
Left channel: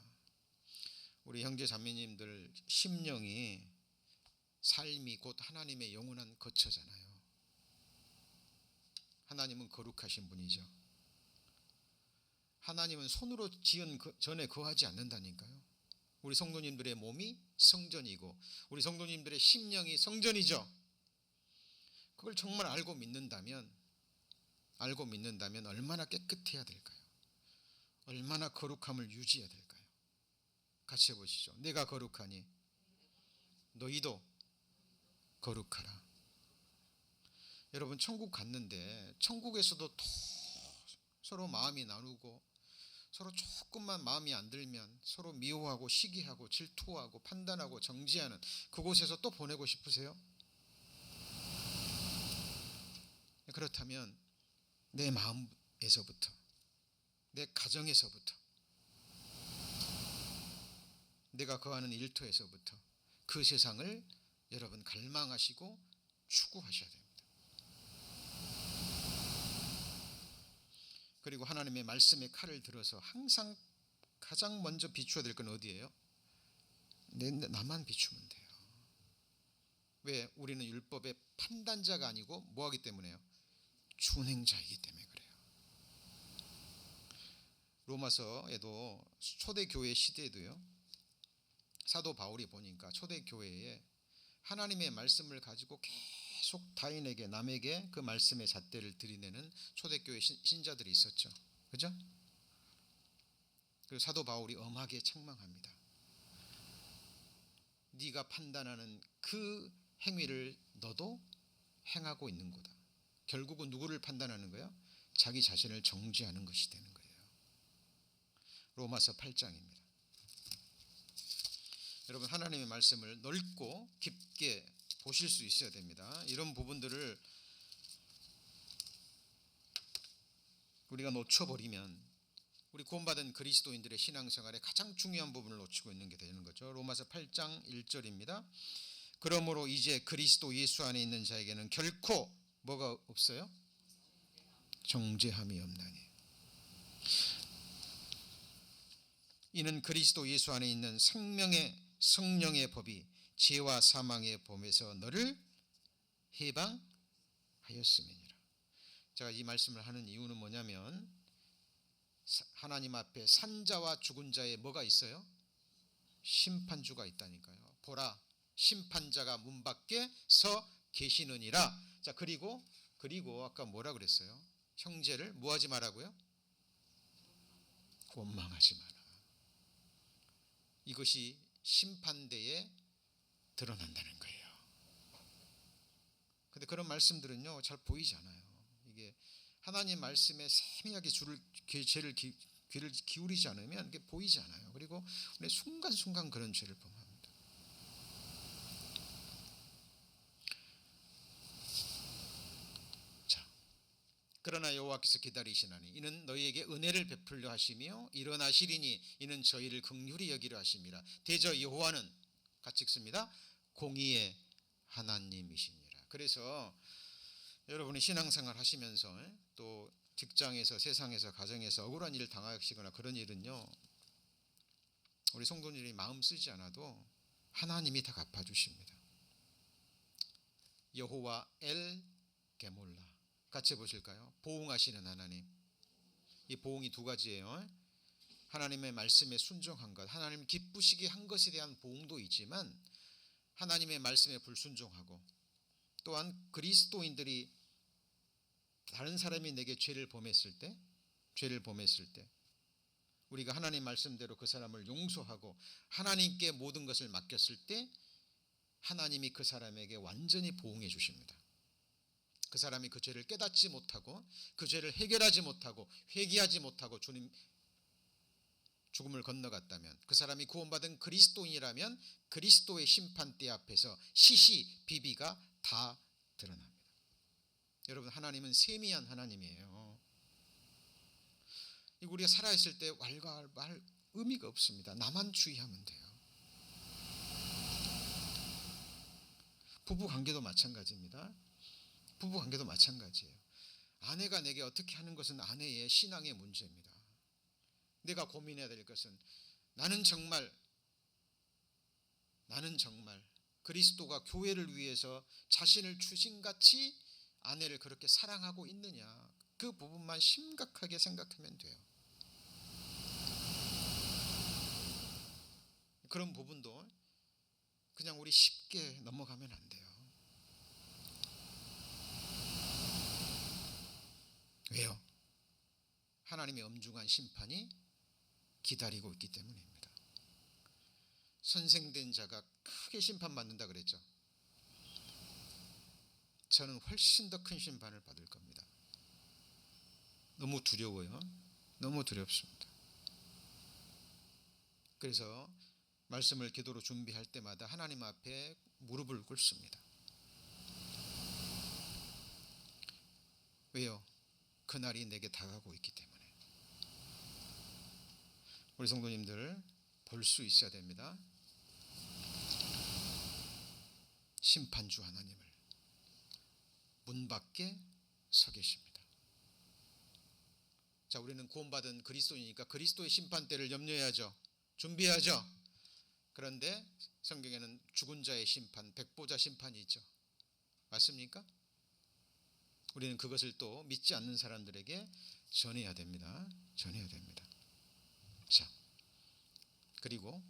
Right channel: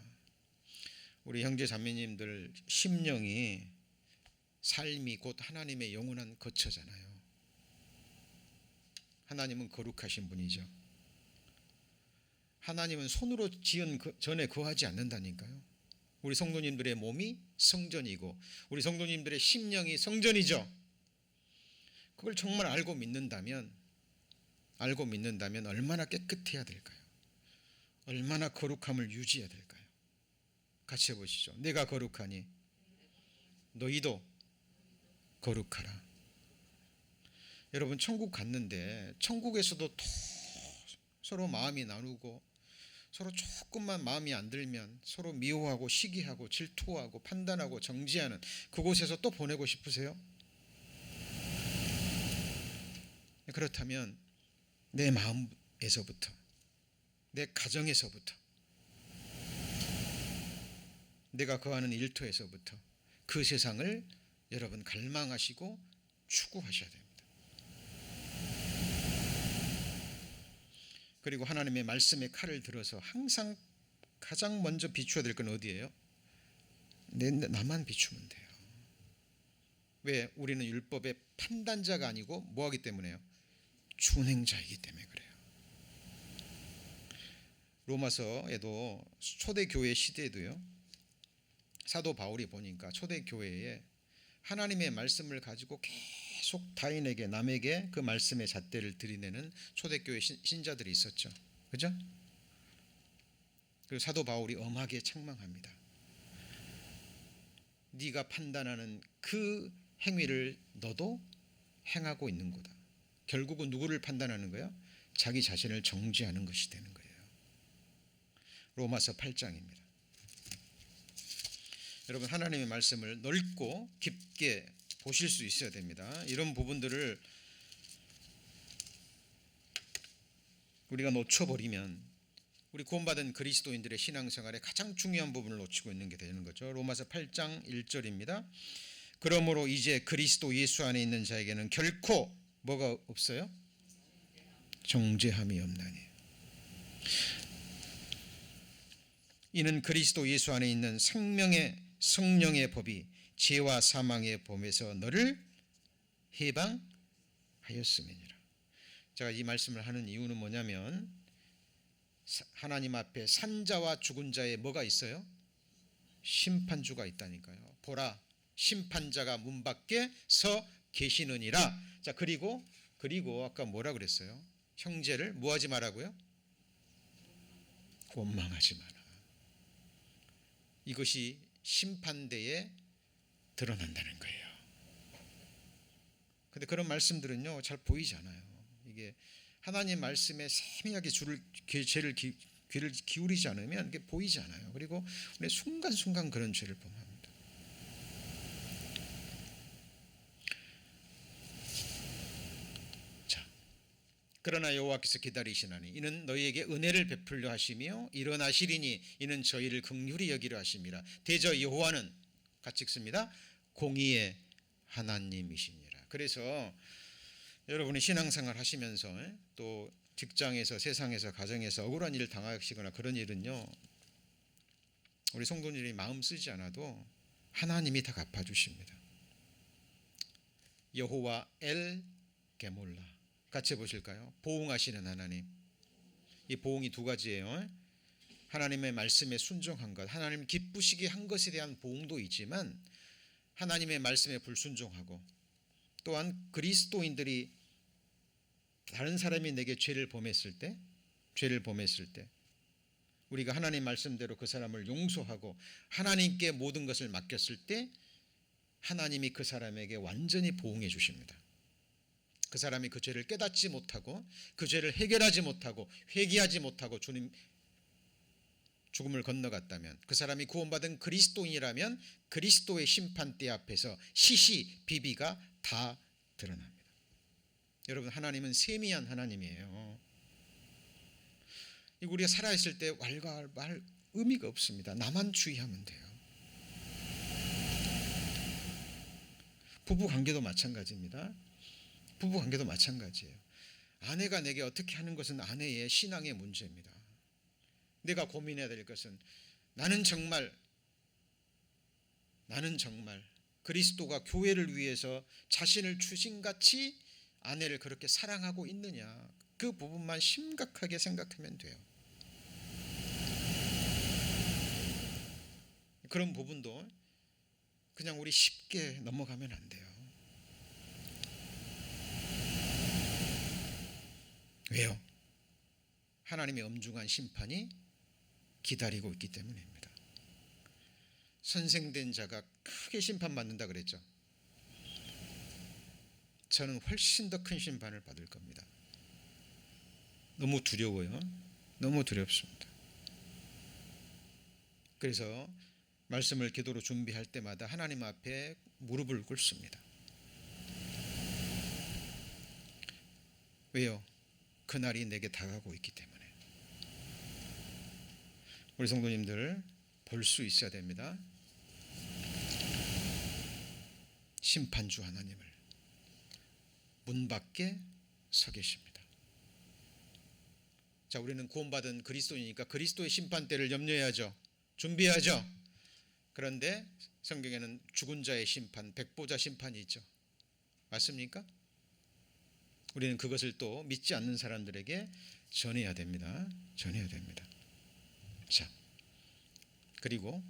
우리 형제 자매님들 심령이 삶이 곧 하나님의 영원한 거처잖아요. 하나님은 거룩하신 분이죠. 하나님은 손으로 지은 전에 거하지 않는다니까요. 우리 성도님들의 몸이 성전이고 우리 성도님들의 심령이 성전이죠. 그걸 정말 알고 믿는다면 얼마나 깨끗해야 될까요? 얼마나 거룩함을 유지해야 될까요? 같이 해보시죠. 내가 거룩하니 너희도 거룩하라. 여러분, 천국 갔는데 천국에서도 서로 마음이 나누고 서로 조금만 마음이 안 들면 서로 미워하고 시기하고 질투하고 판단하고 정죄하는 그곳에서 또 보내고 싶으세요? 그렇다면 내 마음에서부터, 내 가정에서부터, 내가 거하는 일터에서부터 그 세상을 여러분 갈망하시고 추구하셔야 됩니다. 그리고 하나님의 말씀의 칼을 들어서 항상 가장 먼저 비추어야 될 건 어디예요? 나만 비추면 돼요. 왜? 우리는 율법의 판단자가 아니고 뭐하기 때문에요? 준행자이기 때문에 그래요. 로마서에도 초대교회 시대에도요, 사도 바울이 보니까 초대교회에 하나님의 말씀을 가지고 계속 타인에게, 남에게 그 말씀의 잣대를 들이내는 초대교회 신자들이 있었죠. 그죠? 그리고 사도 바울이 엄하게 책망합니다. 네가 판단하는 그 행위를 너도 행하고 있는 거다. 결국은 누구를 판단하는 거야? 자기 자신을 정죄하는 것이 되는 거예요. 로마서 8장입니다. 여러분, 하나님의 말씀을 넓고 깊게 보실 수 있어야 됩니다. 이런 부분들을 우리가 놓쳐버리면 우리 구원받은 그리스도인들의 신앙생활에 가장 중요한 부분을 놓치고 있는 게 되는 거죠. 로마서 8장 1절입니다. 그러므로 이제 그리스도 예수 안에 있는 자에게는 결코 뭐가 없어요? 정죄함이 없나니. 이는 그리스도 예수 안에 있는 생명의 성령의 법이 죄와 사망의 범에서 너를 해방하였음이니라. 제가 이 말씀을 하는 이유는 뭐냐면 하나님 앞에 산자와 죽은 자의 뭐가 있어요? 심판주가 있다니까요. 보라, 심판자가 문 밖에 서 계시느니라. 자, 그리고 아까 뭐라 그랬어요? 형제를 뭐 하지 말라고요? 원망하지 마라. 이것이 심판대에 드러난다는 거예요. 근데 그런 말씀들은요 잘 보이지 않아요. 이게 하나님 말씀에 세밀하게 죄를 귀를 기울이지 않으면 이게 보이지 않아요. 그리고 우리 순간순간 그런 죄를 범합니다. 자, 그러나 여호와께서 기다리시나니 이는 너희에게 은혜를 베풀려 하시며 일어나시리니 이는 저희를 긍휼히 여기려 하심이라. 대저 여호와는 같이 읽습니다. 공의의 하나님이시니라. 그래서 여러분이 신앙생활 하시면서 또 직장에서 세상에서 가정에서 억울한 일을 당하시거나 그런 일은요 우리 성도님이 마음 쓰지 않아도 하나님이 다 갚아주십니다. 여호와 엘 게몰라 같이 보실까요? 보응하시는 하나님. 이 보응이 두 가지예요. 하나님의 말씀에 순종한 것, 하나님 기쁘시게 한 것에 대한 보응도 있지만 하나님의 말씀에 불순종하고 또한 그리스도인들이 다른 사람이 내게 죄를 범했을 때 우리가 하나님 말씀대로 그 사람을 용서하고 하나님께 모든 것을 맡겼을 때 하나님이 그 사람에게 완전히 보응해 주십니다. 그 사람이 그 죄를 깨닫지 못하고 그 죄를 해결하지 못하고 회개하지 못하고 주님 죽음을 건너갔다면 그 사람이 구원받은 그리스도인이라면 그리스도의 심판대 앞에서 시시비비가 다 드러납니다. 여러분 하나님은 세미한 하나님이에요. 우리가 살아있을 때 왈가왈부할 의미가 없습니다. 나만 주의하면 돼요. 부부관계도 마찬가지입니다. 부부관계도 마찬가지예요. 아내가 내게 어떻게 하는 것은 아내의 신앙의 문제입니다. 내가 고민해야 될 것은 나는 정말 그리스도가 교회를 위해서 자신을 주신같이 아내를 그렇게 사랑하고 있느냐, 그 부분만 심각하게 생각하면 돼요. 그런 부분도 그냥 우리 쉽게 넘어가면 안 돼요. 왜요? 하나님의 엄중한 심판이 기다리고 있기 때문입니다. 선생된 자가 크게 심판받는다 그랬죠. 저는 훨씬 더 큰 심판을 받을 겁니다. 너무 두려워요. 너무 두렵습니다. 그래서 말씀을 기도로 준비할 때마다 하나님 앞에 무릎을 꿇습니다. 왜요? 그날이 내게 다가오고 있기 때문에. 우리 성도님들 볼 수 있어야 됩니다. 심판주 하나님을 문 밖에 서 계십니다. 자, 우리는 구원받은 그리스도이니까 그리스도의 심판대를 염려해야죠. 준비해야죠. 그런데 성경에는 죽은 자의 심판, 백보자 심판이 있죠. 맞습니까? 우리는 그것을 또 믿지 않는 사람들에게 전해야 됩니다. 전해야 됩니다. 자, 그리고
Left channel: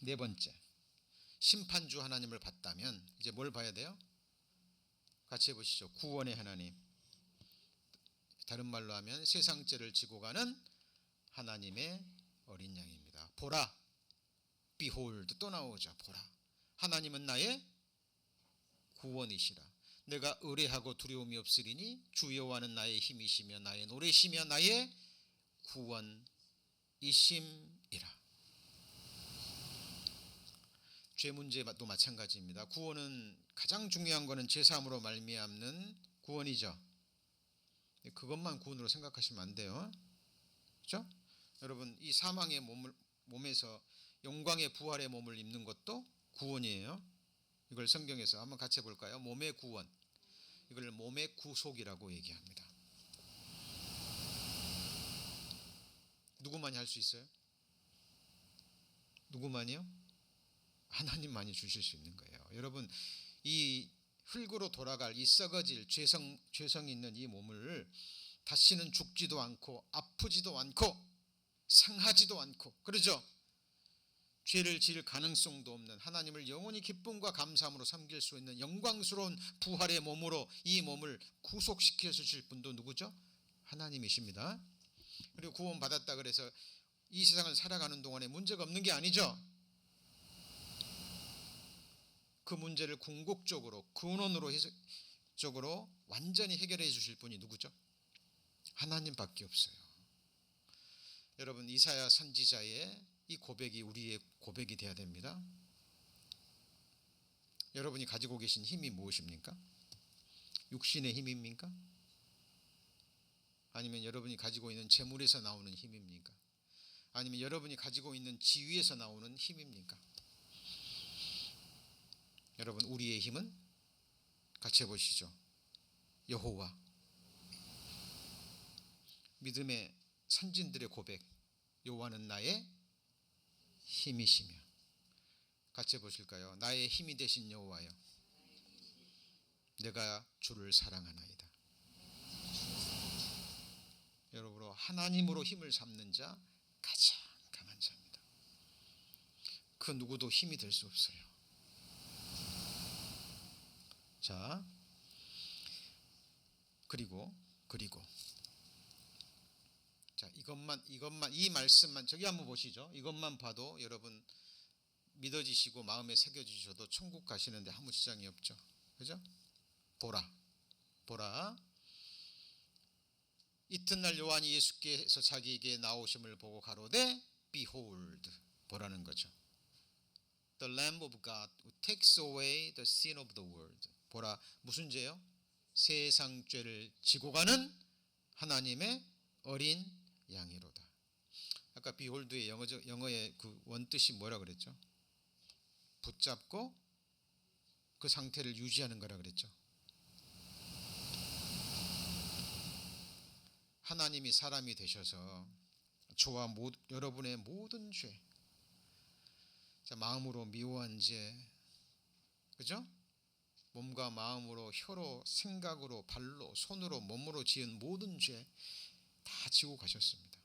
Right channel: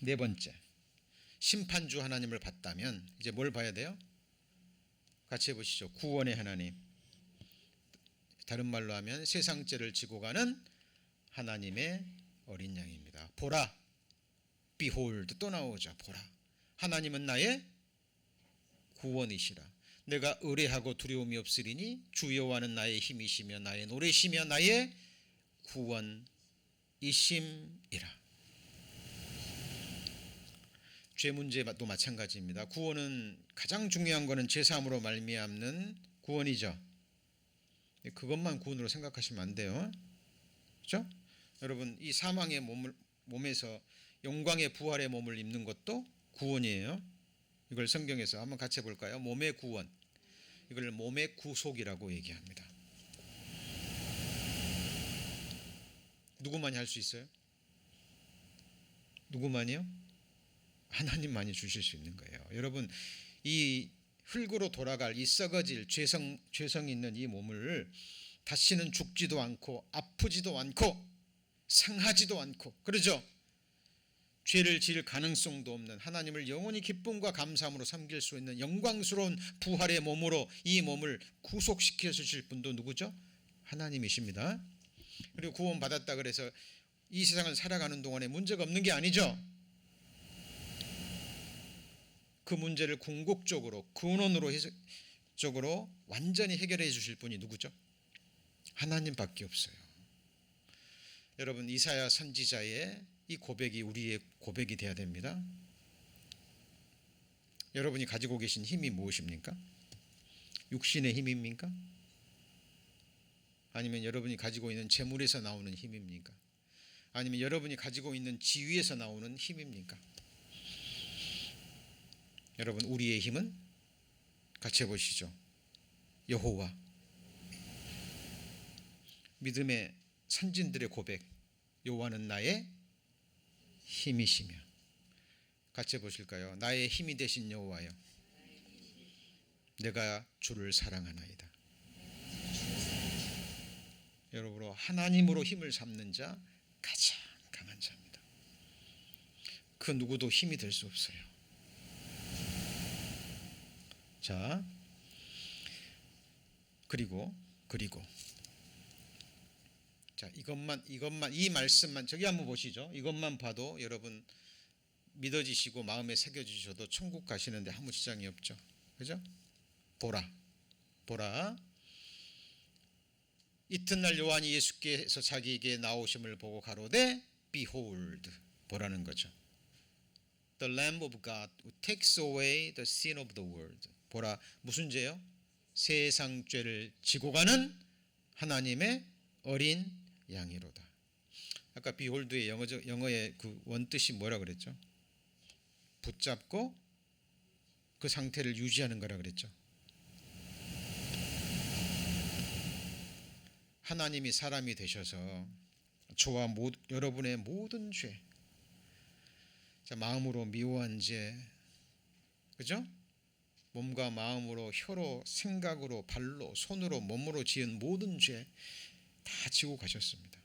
네 번째, 심판주 하나님을 봤다면 이제 뭘 봐야 돼요? 같이 해보시죠. 구원의 하나님. 다른 말로 하면 세상 죄를 지고 가는 하나님의 어린 양입니다. 보라, behold 또 나오죠. 보라, 하나님은 나의 구원이시라. 내가 의뢰하고 두려움이 없으리니 주 여호와는 나의 힘이시며 나의 노래시며 나의 구원이심이라. 죄 문제도 마찬가지입니다. 구원은 가장 중요한 것은 죄 사함으로 말미암는 구원이죠. 그것만 구원으로 생각하시면 안 돼요. 그렇죠? 여러분, 이 사망의 몸에서 영광의 부활의 몸을 입는 것도 구원이에요. 이걸 성경에서 한번 같이 해볼까요? 몸의 구원. 이걸 몸의 구속이라고 얘기합니다. 누구만이 할 수 있어요? 누구만이요? 하나님만이 주실 수 있는 거예요. 여러분, 이 흙으로 돌아갈 이 썩어질 죄성 있는 이 몸을 다시는 죽지도 않고 아프지도 않고 상하지도 않고, 그러죠? 죄를 지을 가능성도 없는, 하나님을 영원히 기쁨과 감사함으로 섬길 수 있는 영광스러운 부활의 몸으로 이 몸을 구속시켜 주실 분도 누구죠? 하나님이십니다. 그리고 구원받았다 그래서 이 세상을 살아가는 동안에 문제가 없는 게 아니죠. 그 문제를 궁극적으로, 근원으로 완전히 해결해 주실 분이 누구죠? 하나님밖에 없어요. 여러분, 이사야 선지자의 이 고백이 우리의 고백이 되어야 됩니다. 여러분이 가지고 계신 힘이 무엇입니까? 육신의 힘입니까? 아니면 여러분이 가지고 있는 재물에서 나오는 힘입니까? 아니면 여러분이 가지고 있는 지위에서 나오는 힘입니까? 여러분, 우리의 힘은 같이 해보시죠. 여호와. 믿음의 선진들의 고백, 여호와는 나의 힘이시며. 같이 해보실까요? 나의 힘이 되신 여호와여, 내가 주를 사랑하나이다. 여러분, 하나님으로 힘을 삼는 자 가장 강한 자입니다. 그 누구도 힘이 될 수 없어요. 자, 그리고 자, 이것만 이 말씀만 저기 한번 보시죠. 이것만 봐도 여러분 믿어지시고 마음에 새겨지셔도 천국 가시는데 아무 지장이 없죠. 그죠? 보라. 이튿날 요한이 예수께서 자기에게 나오심을 보고 가로되 Behold, 보라는 거죠. The Lamb of God who takes away the sin of the world. 보라, 무슨 죄요? 세상 죄를 지고 가는 하나님의 어린 양이로다. 아까 behold의 영어의 그 원뜻이 뭐라 그랬죠? 붙잡고 그 상태를 유지하는 거라 그랬죠. 하나님이 사람이 되셔서 저와 여러분의 모든 죄, 자, 마음으로 미워한 죄, 그죠? 몸과 마음으로, 혀로, 생각으로, 발로, 손으로, 몸으로 지은 모든 죄 다 지고 가셨습니다.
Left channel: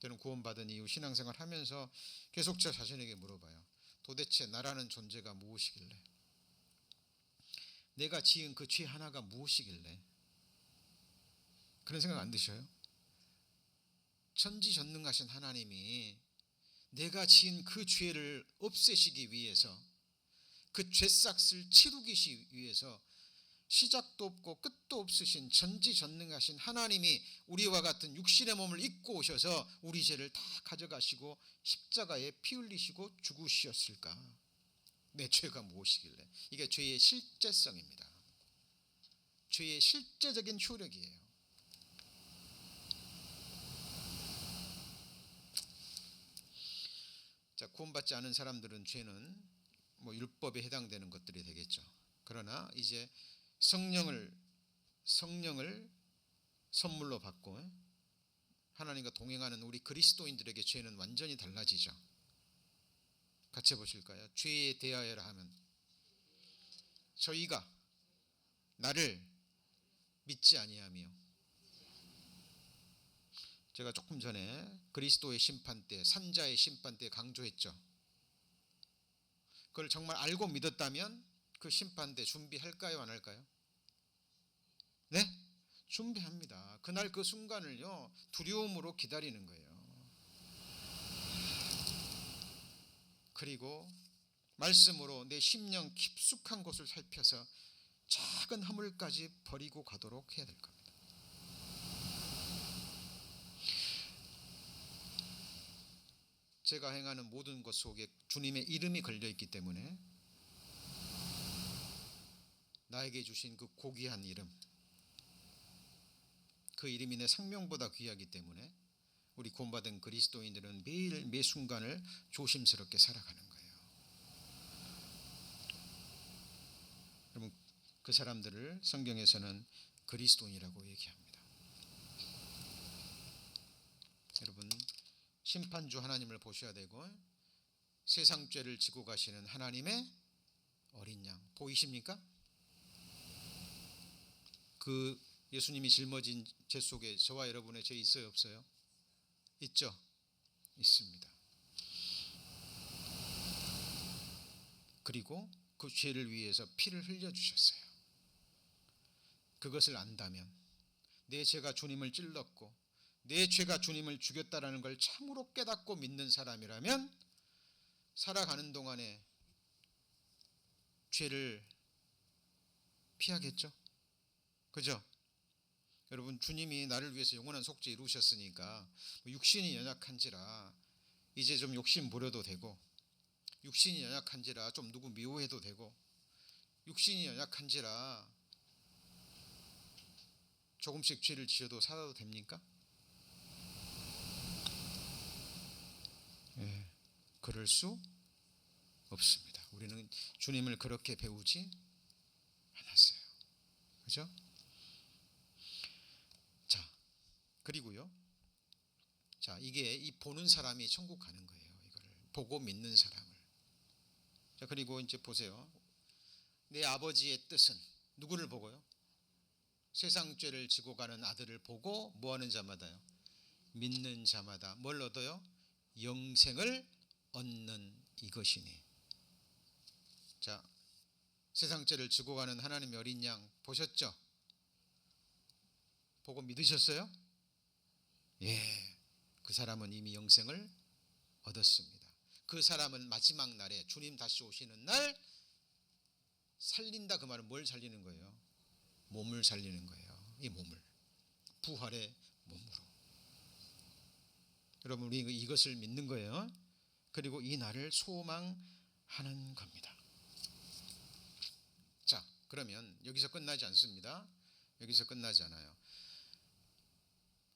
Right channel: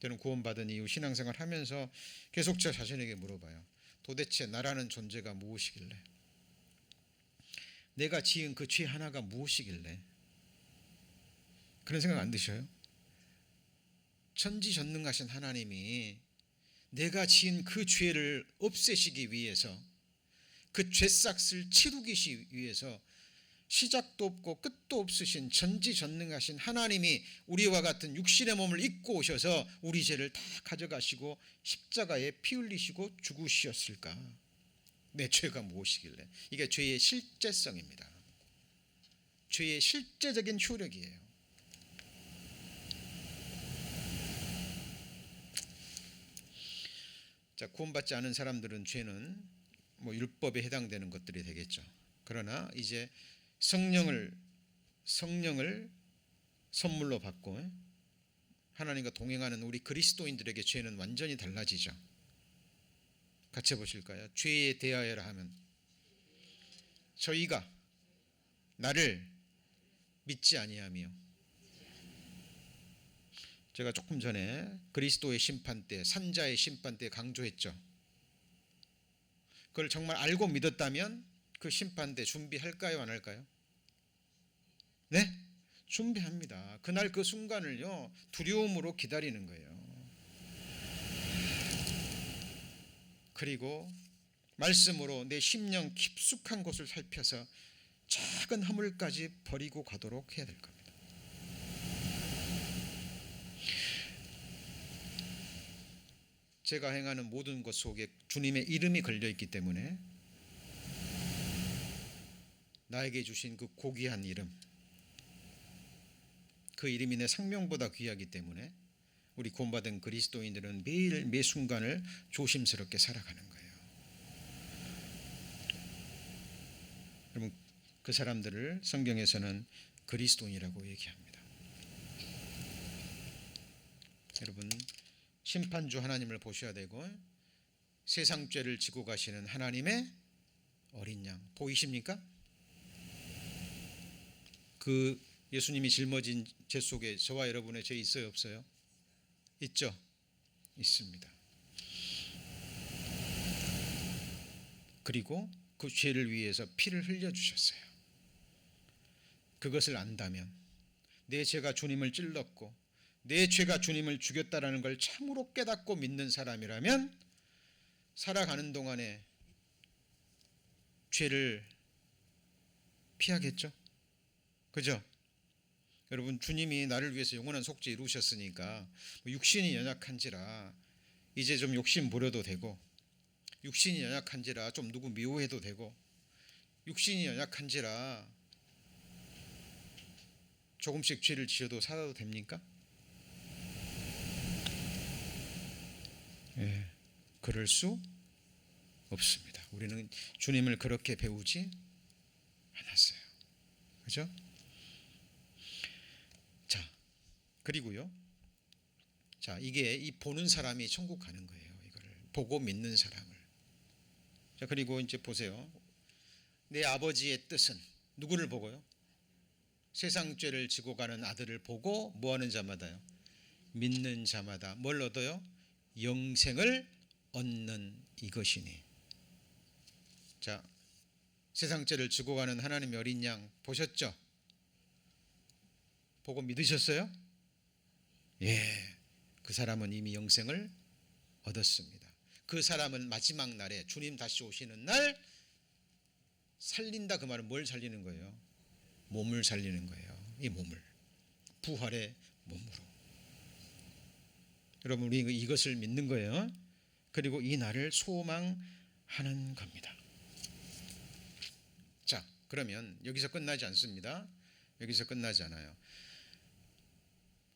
저는 구원받은 이후 신앙생활 하면서 계속 저 자신에게 물어봐요. 도대체 나라는 존재가 무엇이길래, 내가 지은 그 죄 하나가 무엇이길래, 그런 생각 안 드셔요? 천지전능하신 하나님이 내가 지은 그 죄를 없애시기 위해서, 그 죄싹을 치우기 위해서 시작도 없고 끝도 없으신 전지전능하신 하나님이 우리와 같은 육신의 몸을 입고 오셔서 우리 죄를 다 가져가시고 십자가에 피 흘리시고 죽으셨을까? 내 죄가 무엇이길래? 이게 죄의 실제성입니다. 죄의 실제적인 효력이에요. 자, 구원받지 않은 사람들은 죄는 뭐 율법에 해당되는 것들이 되겠죠. 그러나 이제 성령을 선물로 받고 하나님과 동행하는 우리 그리스도인들에게 죄는 완전히 달라지죠. 같이 보실까요? 죄에 대하여라 하면 저희가 나를 믿지 아니하며, 제가 조금 전에 그리스도의 심판 때, 산자의 심판 때 강조했죠. 그걸 정말 알고 믿었다면 그 심판 때 준비할까요, 안 할까요? 네? 준비합니다. 그날 그 순간을요, 두려움으로 기다리는 거예요. 그리고 말씀으로 내 심령 깊숙한 곳을 살펴서 작은 허물까지 버리고 가도록 해야 될 겁니다. 제가 행하는 모든 것 속에 주님의 이름이 걸려 있기 때문에, 나에게 주신 그 고귀한 이름, 그 이름이 내 생명보다 귀하기 때문에 우리 구원받은 그리스도인들은 매일 매 순간을 조심스럽게 살아가는 거예요. 여러분, 그 사람들을 성경에서는 그리스도인이라고 얘기합니다. 여러분, 심판주 하나님을 보셔야 되고 세상 죄를 지고 가시는 하나님의 어린 양 보이십니까? 그 예수님이 짊어진 죄 속에 저와 여러분의 죄 있어요, 없어요? 있죠? 있습니다. 그리고 그 죄를 위해서 피를 흘려주셨어요. 그것을 안다면, 내 죄가 주님을 찔렀고 내 죄가 주님을 죽였다라는 걸 참으로 깨닫고 믿는 사람이라면 살아가는 동안에 죄를 피하겠죠? 그죠? 여러분, 주님이 나를 위해서 영원한 속죄 이루셨으니까 육신이 연약한지라 이제 좀 욕심 부려도 되고, 육신이 연약한지라 좀 누구 미워해도 되고, 육신이 연약한지라 조금씩 죄를 지어도 살아도 됩니까? 예, 그럴 수 없습니다. 우리는 주님을 그렇게 배우지 않았어요. 그죠? 자, 그리고요. 자, 이게 이 보는 사람이 천국 가는 거예요. 이거를 보고 믿는 사람을. 자, 그리고 이제 보세요. 내 아버지의 뜻은 누구를 보고요? 세상 죄를 지고 가는 아들을 보고 뭐 하는 자마다요? 믿는 자마다 뭘 얻어요? 영생을 얻는 이것이니. 자, 세상 죄를 지고 가는 하나님의 어린 양 보셨죠? 보고 믿으셨어요? 예, 그 사람은 이미 영생을 얻었습니다. 그 사람은 마지막 날에 주님 다시 오시는 날 살린다. 그 말은 뭘 살리는 거예요? 몸을 살리는 거예요. 이 몸을, 부활의 몸으로. 여러분, 우리 이것을 믿는 거예요. 그리고 이 날을 소망하는 겁니다. 자, 그러면 여기서 끝나지 않습니다. 여기서 끝나지 않아요.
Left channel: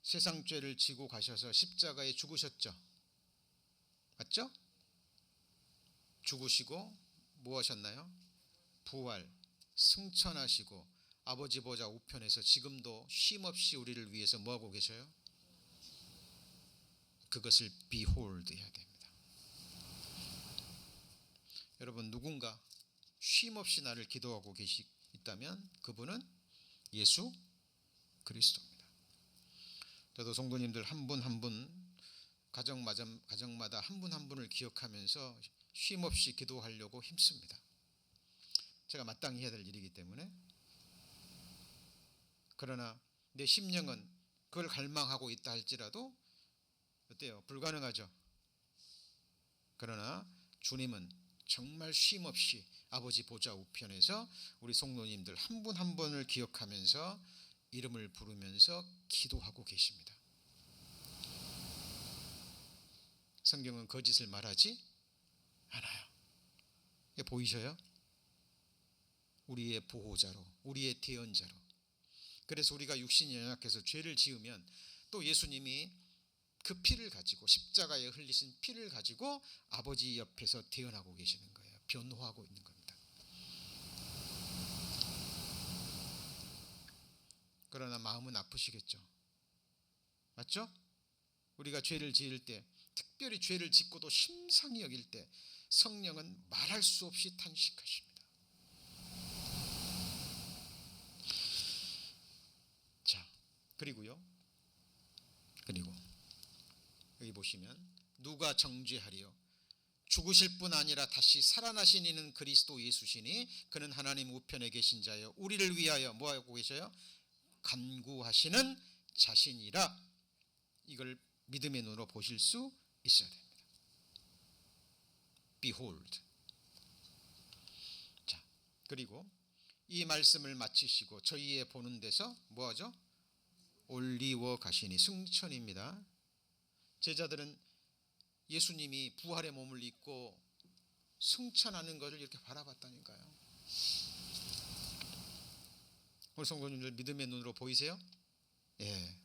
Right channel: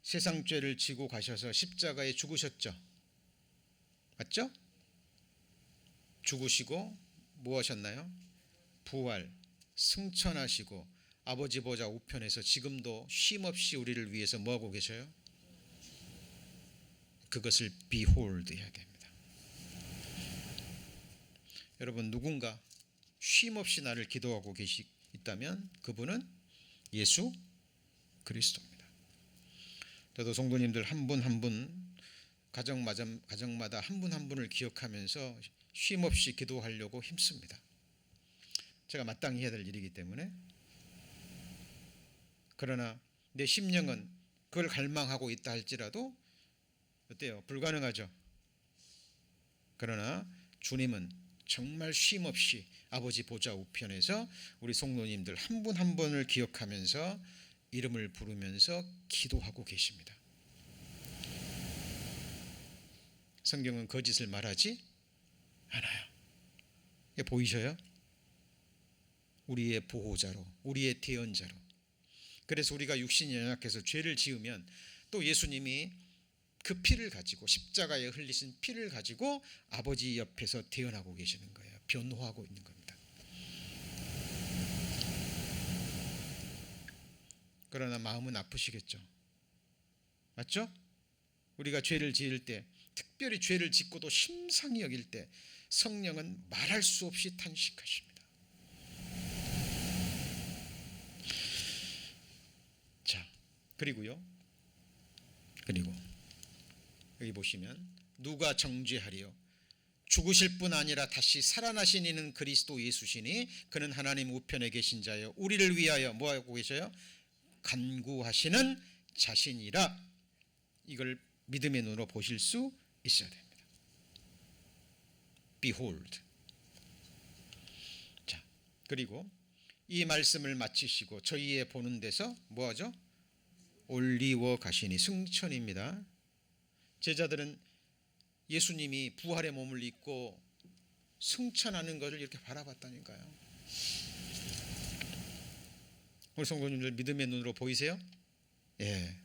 세상 죄를 지고 가셔서 십자가에 죽으셨죠? 맞죠? 죽으시고 뭐 하셨나요? 부활, 승천하시고 아버지 보좌 우편에서 지금도 쉼없이 우리를 위해서 뭐하고 계셔요? 그것을 behold 해야 됩니다. 여러분, 누군가 쉼없이 나를 기도하고 있다면 그분은 예수 그리스도입니다. 저도 성도님들 한 분 한 분, 가정마다 한 분 한 분을 기억하면서 쉼없이 기도하려고 힘씁니다. 제가 마땅히 해야 될 일이기 때문에. 그러나 내 심령은 그걸 갈망하고 있다 할지라도 어때요? 불가능하죠. 그러나 주님은 정말 쉼없이 아버지 보좌 우편에서 우리 성도님들 한 분 한 분을 기억하면서 이름을 부르면서 기도하고 계십니다. 성경은 거짓을 말하지 않아요. 이게 보이셔요? 우리의 보호자로, 우리의 대언자로. 그래서 우리가 육신이 연약해서 죄를 지으면 또 예수님이 그 피를 가지고, 십자가에 흘리신 피를 가지고 아버지 옆에서 대언하고 계시는 거예요. 변호하고 있는 겁니다. 그러나 마음은 아프시겠죠. 맞죠? 우리가 죄를 지을 때, 특별히 죄를 짓고도 심상히 여길 때 성령은 말할 수 없이 탄식하십니다. 자, 그리고 여기 보시면 누가 정죄하리요? 죽으실 뿐 아니라 다시 살아나신 이는 그리스도 예수시니 그는 하나님 우편에 계신 자요 우리를 위하여 뭐하고 계셔요? 간구하시는 자신이라. 이걸 믿음의 눈으로 보실 수 있어야 됩니다. Behold. 자, 그리고 이 말씀을 마치시고 저희의 보는 데서 뭐하죠? 올리워 가시니. 승천입니다. 제자들은 예수님이 부활의 몸을 입고 승천하는 것을 이렇게 바라봤다니까요. 우리 성도님들 믿음의 눈으로 보이세요? 예,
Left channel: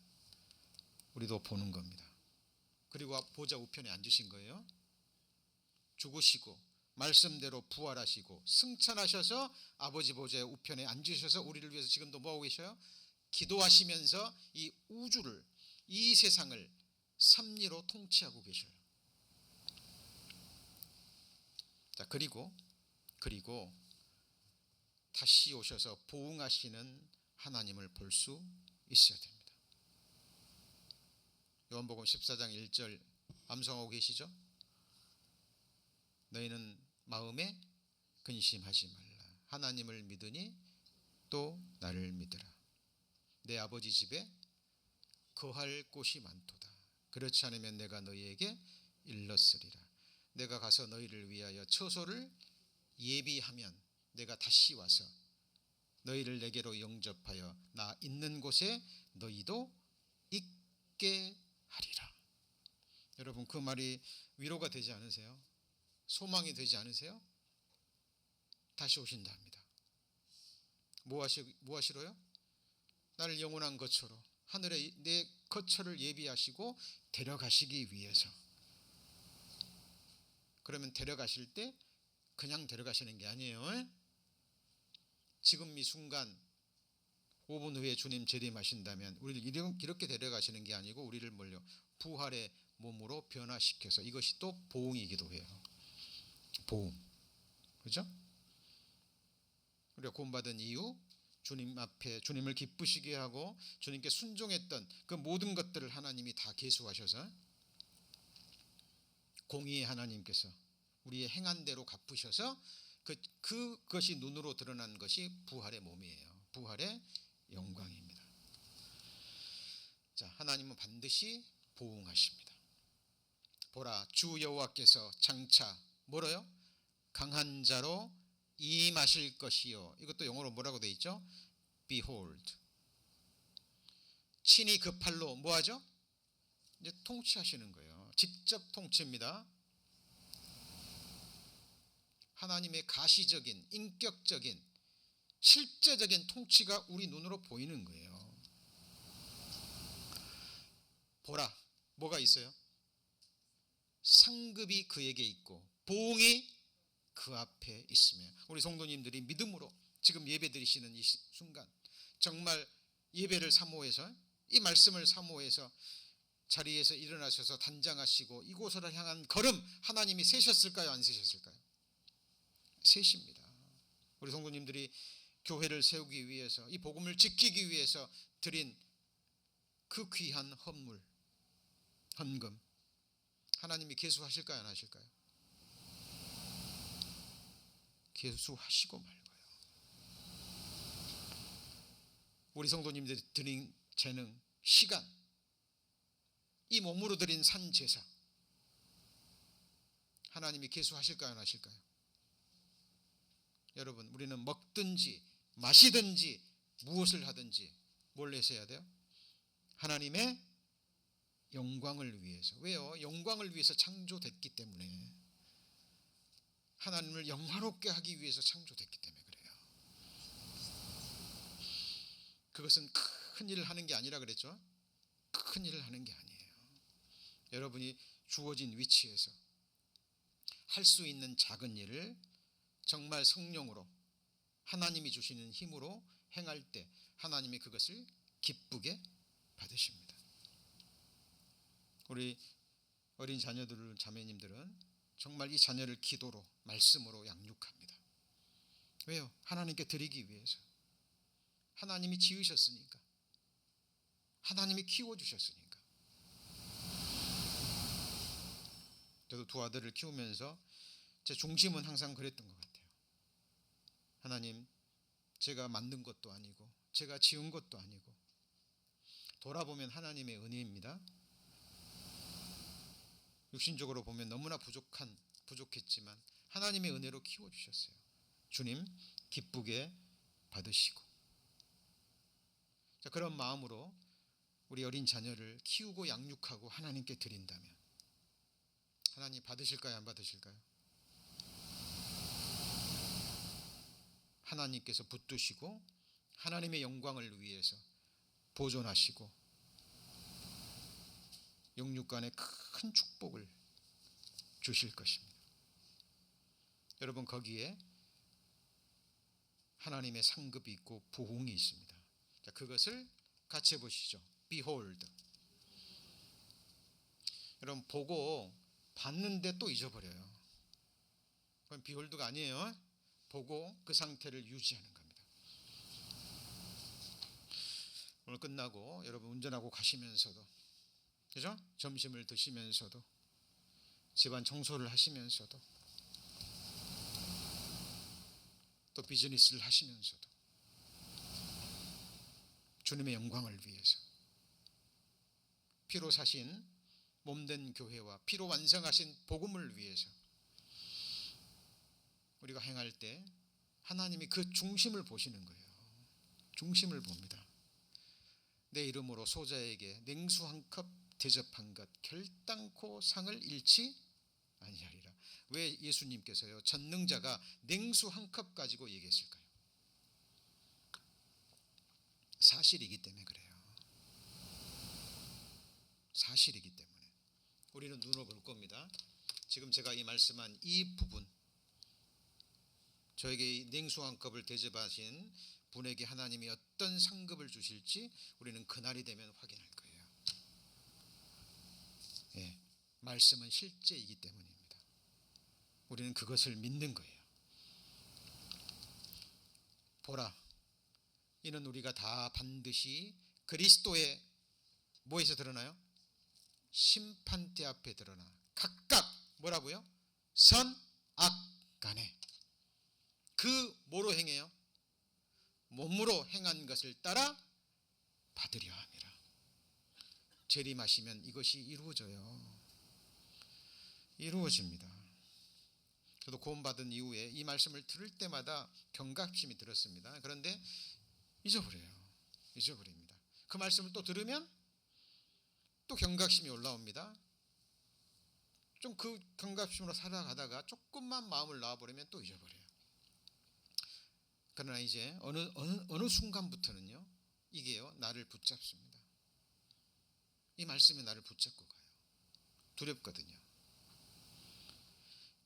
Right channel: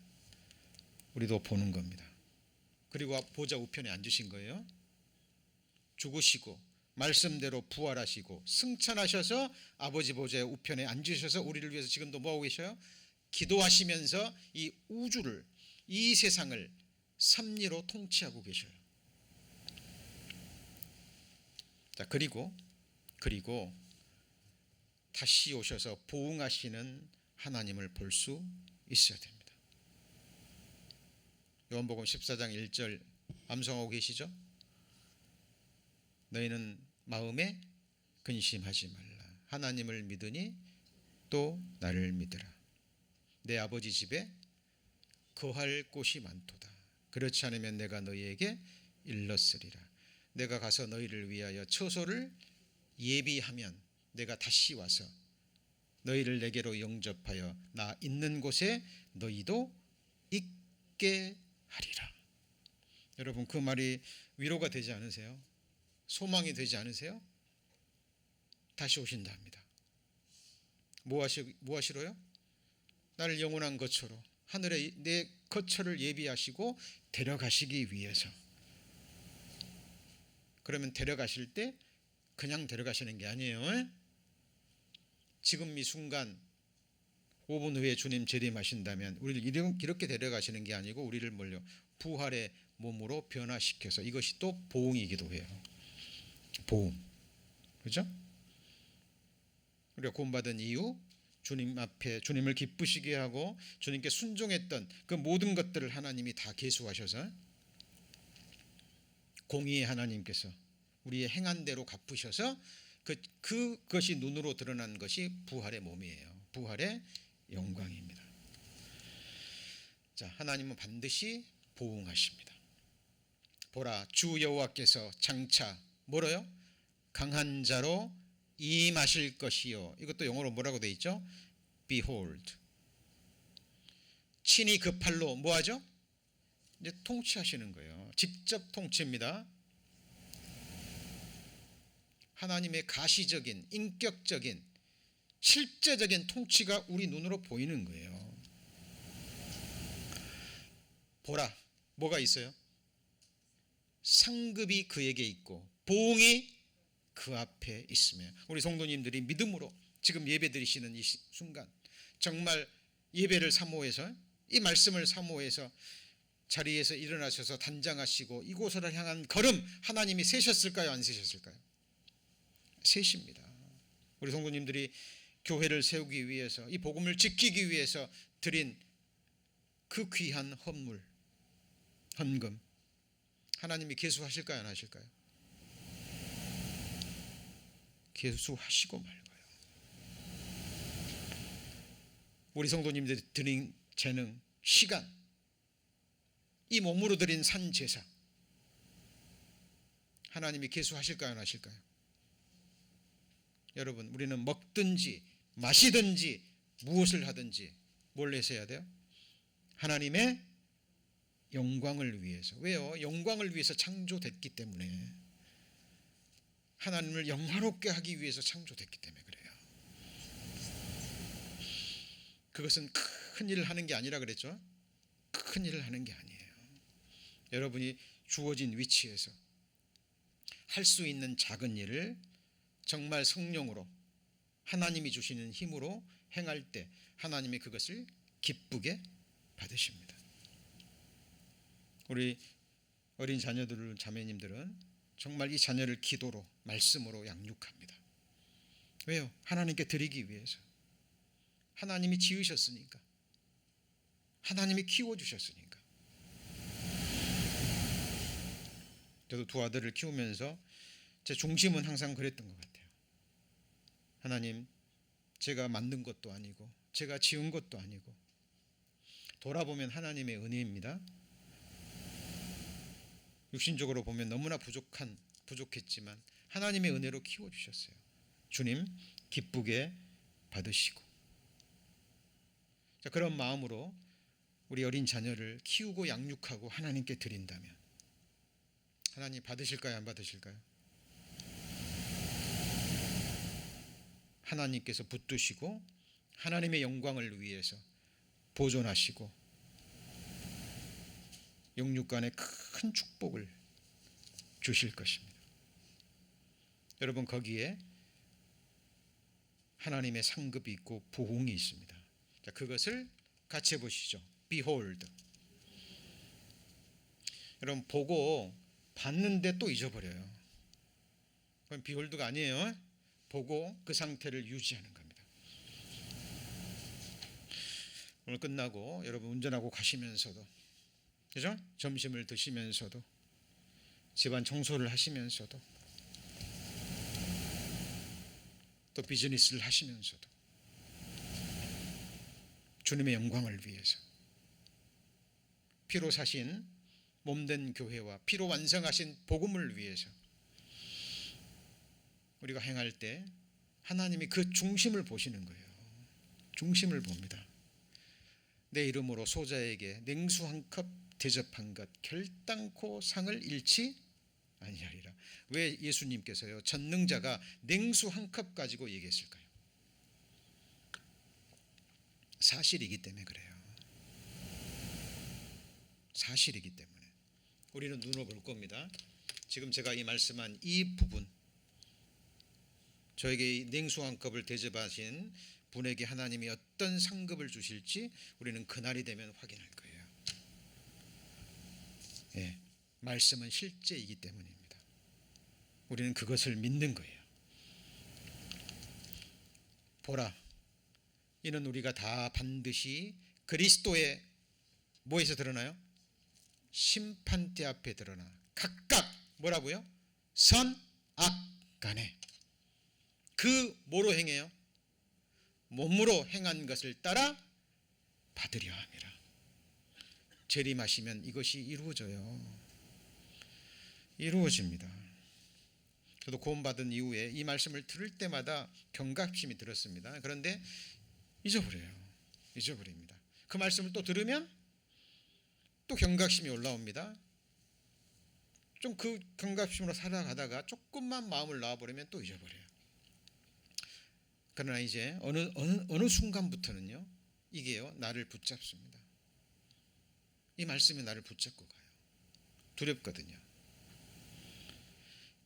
우리도 보는 겁니다. 그리고 보좌 우편에 앉으신 거예요. 죽으시고 말씀대로 부활하시고 승천하셔서 아버지 보좌의 우편에 앉으셔서 우리를 위해서 지금도 뭐하고 계셔요? 기도하시면서 이 우주를, 이 세상을 섭리로 통치하고 계셔요. 자, 그리고 다시 오셔서 보응하시는 하나님을 볼 수 있어야 됩니다. 요한복음 14장 1절 암송하고 계시죠? 너희는 마음에 근심하지 말라. 하나님을 믿으니 또 나를 믿으라. 내 아버지 집에 거할 곳이 많도다. 그렇지 않으면 내가 너희에게 일렀으리라. 내가 가서 너희를 위하여 처소를 예비하면 내가 다시 와서 너희를 내게로 영접하여 나 있는 곳에 너희도 있게 하리라. 여러분, 그 말이 위로가 되지 않으세요? 소망이 되지 않으세요? 다시 오신다 합니다. 뭐 하시러요? 나를 영원한 거처로 하늘에 내 거처를 예비하시고 데려가시기 위해서. 그러면 데려가실 때 그냥 데려가시는 게 아니에요. 지금 이 순간 5분 후에 주님 재림하신다면 우리를 이렇게 데려가시는 게 아니고 우리를 뭘요? 부활의 몸으로 변화시켜서, 이것이 또 보응이기도 해요. 보응. 그렇죠? 우리가 구원받은 이후 주님 앞에 주님을 기쁘시게 하고 주님께 순종했던 그 모든 것들을 하나님이 다 계수하셔서 공의의 하나님께서 우리의 행한 대로 갚으셔서 그것이 눈으로 드러난 것이 부활의 몸이에요. 부활의 영광입니다. 자, 하나님은 반드시 보응하십니다. 보라, 주 여호와께서 장차 뭐라요? 강한 자로 임하실 것이요. 이것도 영어로 뭐라고 돼 있죠? Behold. 친히 그 팔로 뭐하죠? 이제 통치하시는 거예요. 직접 통치입니다. 하나님의 가시적인, 인격적인, 실제적인 통치가 우리 눈으로 보이는 거예요. 보라, 뭐가 있어요? 상급이 그에게 있고 보응이 그 앞에 있으며. 우리 성도님들이 믿음으로 지금 예배드리시는 이 순간 정말 예배를 사모해서, 이 말씀을 사모해서 자리에서 일어나셔서 단장하시고 이곳으로 향한 걸음 하나님이 세셨을까요? 안 세셨을까요? 세십니다. 우리 성도님들이 교회를 세우기 위해서, 이 복음을 지키기 위해서 드린 그 귀한 헌금 하나님이 계수하실까요? 안 하실까요? 계수하시고 말고요. 우리 성도님들이 드린 재능, 시간, 이 몸으로 드린 산제사 하나님이 계수하실까요? 안 하실까요? 여러분, 우리는 먹든지 마시든지 무엇을 하든지 뭘 내세야 돼요? 하나님의 영광을 위해서. 왜요? 영광을 위해서 창조됐기 때문에. 하나님을 영화롭게 하기 위해서 창조됐기 때문에 그래요. 그것은 큰 일을 하는 게 아니라 그랬죠? 큰 일을 하는 게 아니에요. 여러분이 주어진 위치에서 할 수 있는 작은 일을 정말 성령으로 하나님이 주시는 힘으로 행할 때 하나님이 그것을 기쁘게 받으십니다. 우리 어린 자녀들, 자매님들은 정말 이 자녀를 기도로, 말씀으로 양육합니다. 왜요? 하나님께 드리기 위해서. 하나님이 지으셨으니까, 하나님이 키워주셨으니까. 저도 두 아들을 키우면서 제 중심은 항상 그랬던 것 같아요. 하나님, 제가 만든 것도 아니고 제가 지은 것도 아니고 돌아보면 하나님의 은혜입니다. 육신적으로 보면 너무나 부족했지만 하나님의 은혜로 키워주셨어요. 주님 기쁘게 받으시고. 자, 그런 마음으로 우리 어린 자녀를 키우고 양육하고 하나님께 드린다면 하나님 받으실까요? 안 받으실까요? 하나님께서 붙드시고 하나님의 영광을 위해서 보존하시고 영육간에 큰 축복을 주실 것입니다. 여러분 거기에 하나님의 상급이 있고 부흥이 있습니다. 자, 그것을 같이 해보시죠. Behold. 여러분 보고 봤는데 또 잊어버려요. 그건 behold가 아니에요. 보고 그 상태를 유지하는 겁니다. 오늘 끝나고 여러분 운전하고 가시면서도, 그죠? 점심을 드시면서도, 집안 청소를 하시면서도, 또 비즈니스를 하시면서도 주님의 영광을 위해서, 피로 사신 몸된 교회와 피로 완성하신 복음을 위해서 우리가 행할 때 하나님이 그 중심을 보시는 거예요. 중심을 봅니다. 내 이름으로 소자에게 냉수 한 컵 대접한 것 결단코 상을 잃지 아니하리라. 왜 예수님께서요 전능자가 냉수 한 컵 가지고 얘기했을까요? 사실이기 때문에 그래요. 사실이기 때문에 우리는 눈으로 볼 겁니다. 지금 제가 이 말씀한 이 부분, 저에게 냉수 한 컵을 대접하신 분에게 하나님이 어떤 상급을 주실지 우리는 그날이 되면 확인할 거예요. 예, 말씀은 실제이기 때문입니다. 우리는 그것을 믿는 거예요. 보라, 이는 우리가 다 반드시 그리스도의 뭐에서 드러나요? 심판대 앞에 드러나 각각 뭐라고요? 선, 악 간에 그 뭐로 행해요? 몸으로 행한 것을 따라 받으려 함이라. 재림하시면 이것이 이루어져요. 이루어집니다. 저도 구원받은 이후에 이 말씀을 들을 때마다 경각심이 들었습니다. 그런데 잊어버립니다. 그 말씀을 또 들으면 또 경각심이 올라옵니다. 좀 그 경각심으로 살아가다가 조금만 마음을 놔버리면 또 잊어버려요. 그러나 이제 어느 순간부터는요, 이게요 나를 붙잡습니다. 이 말씀이 나를 붙잡고 가요. 두렵거든요.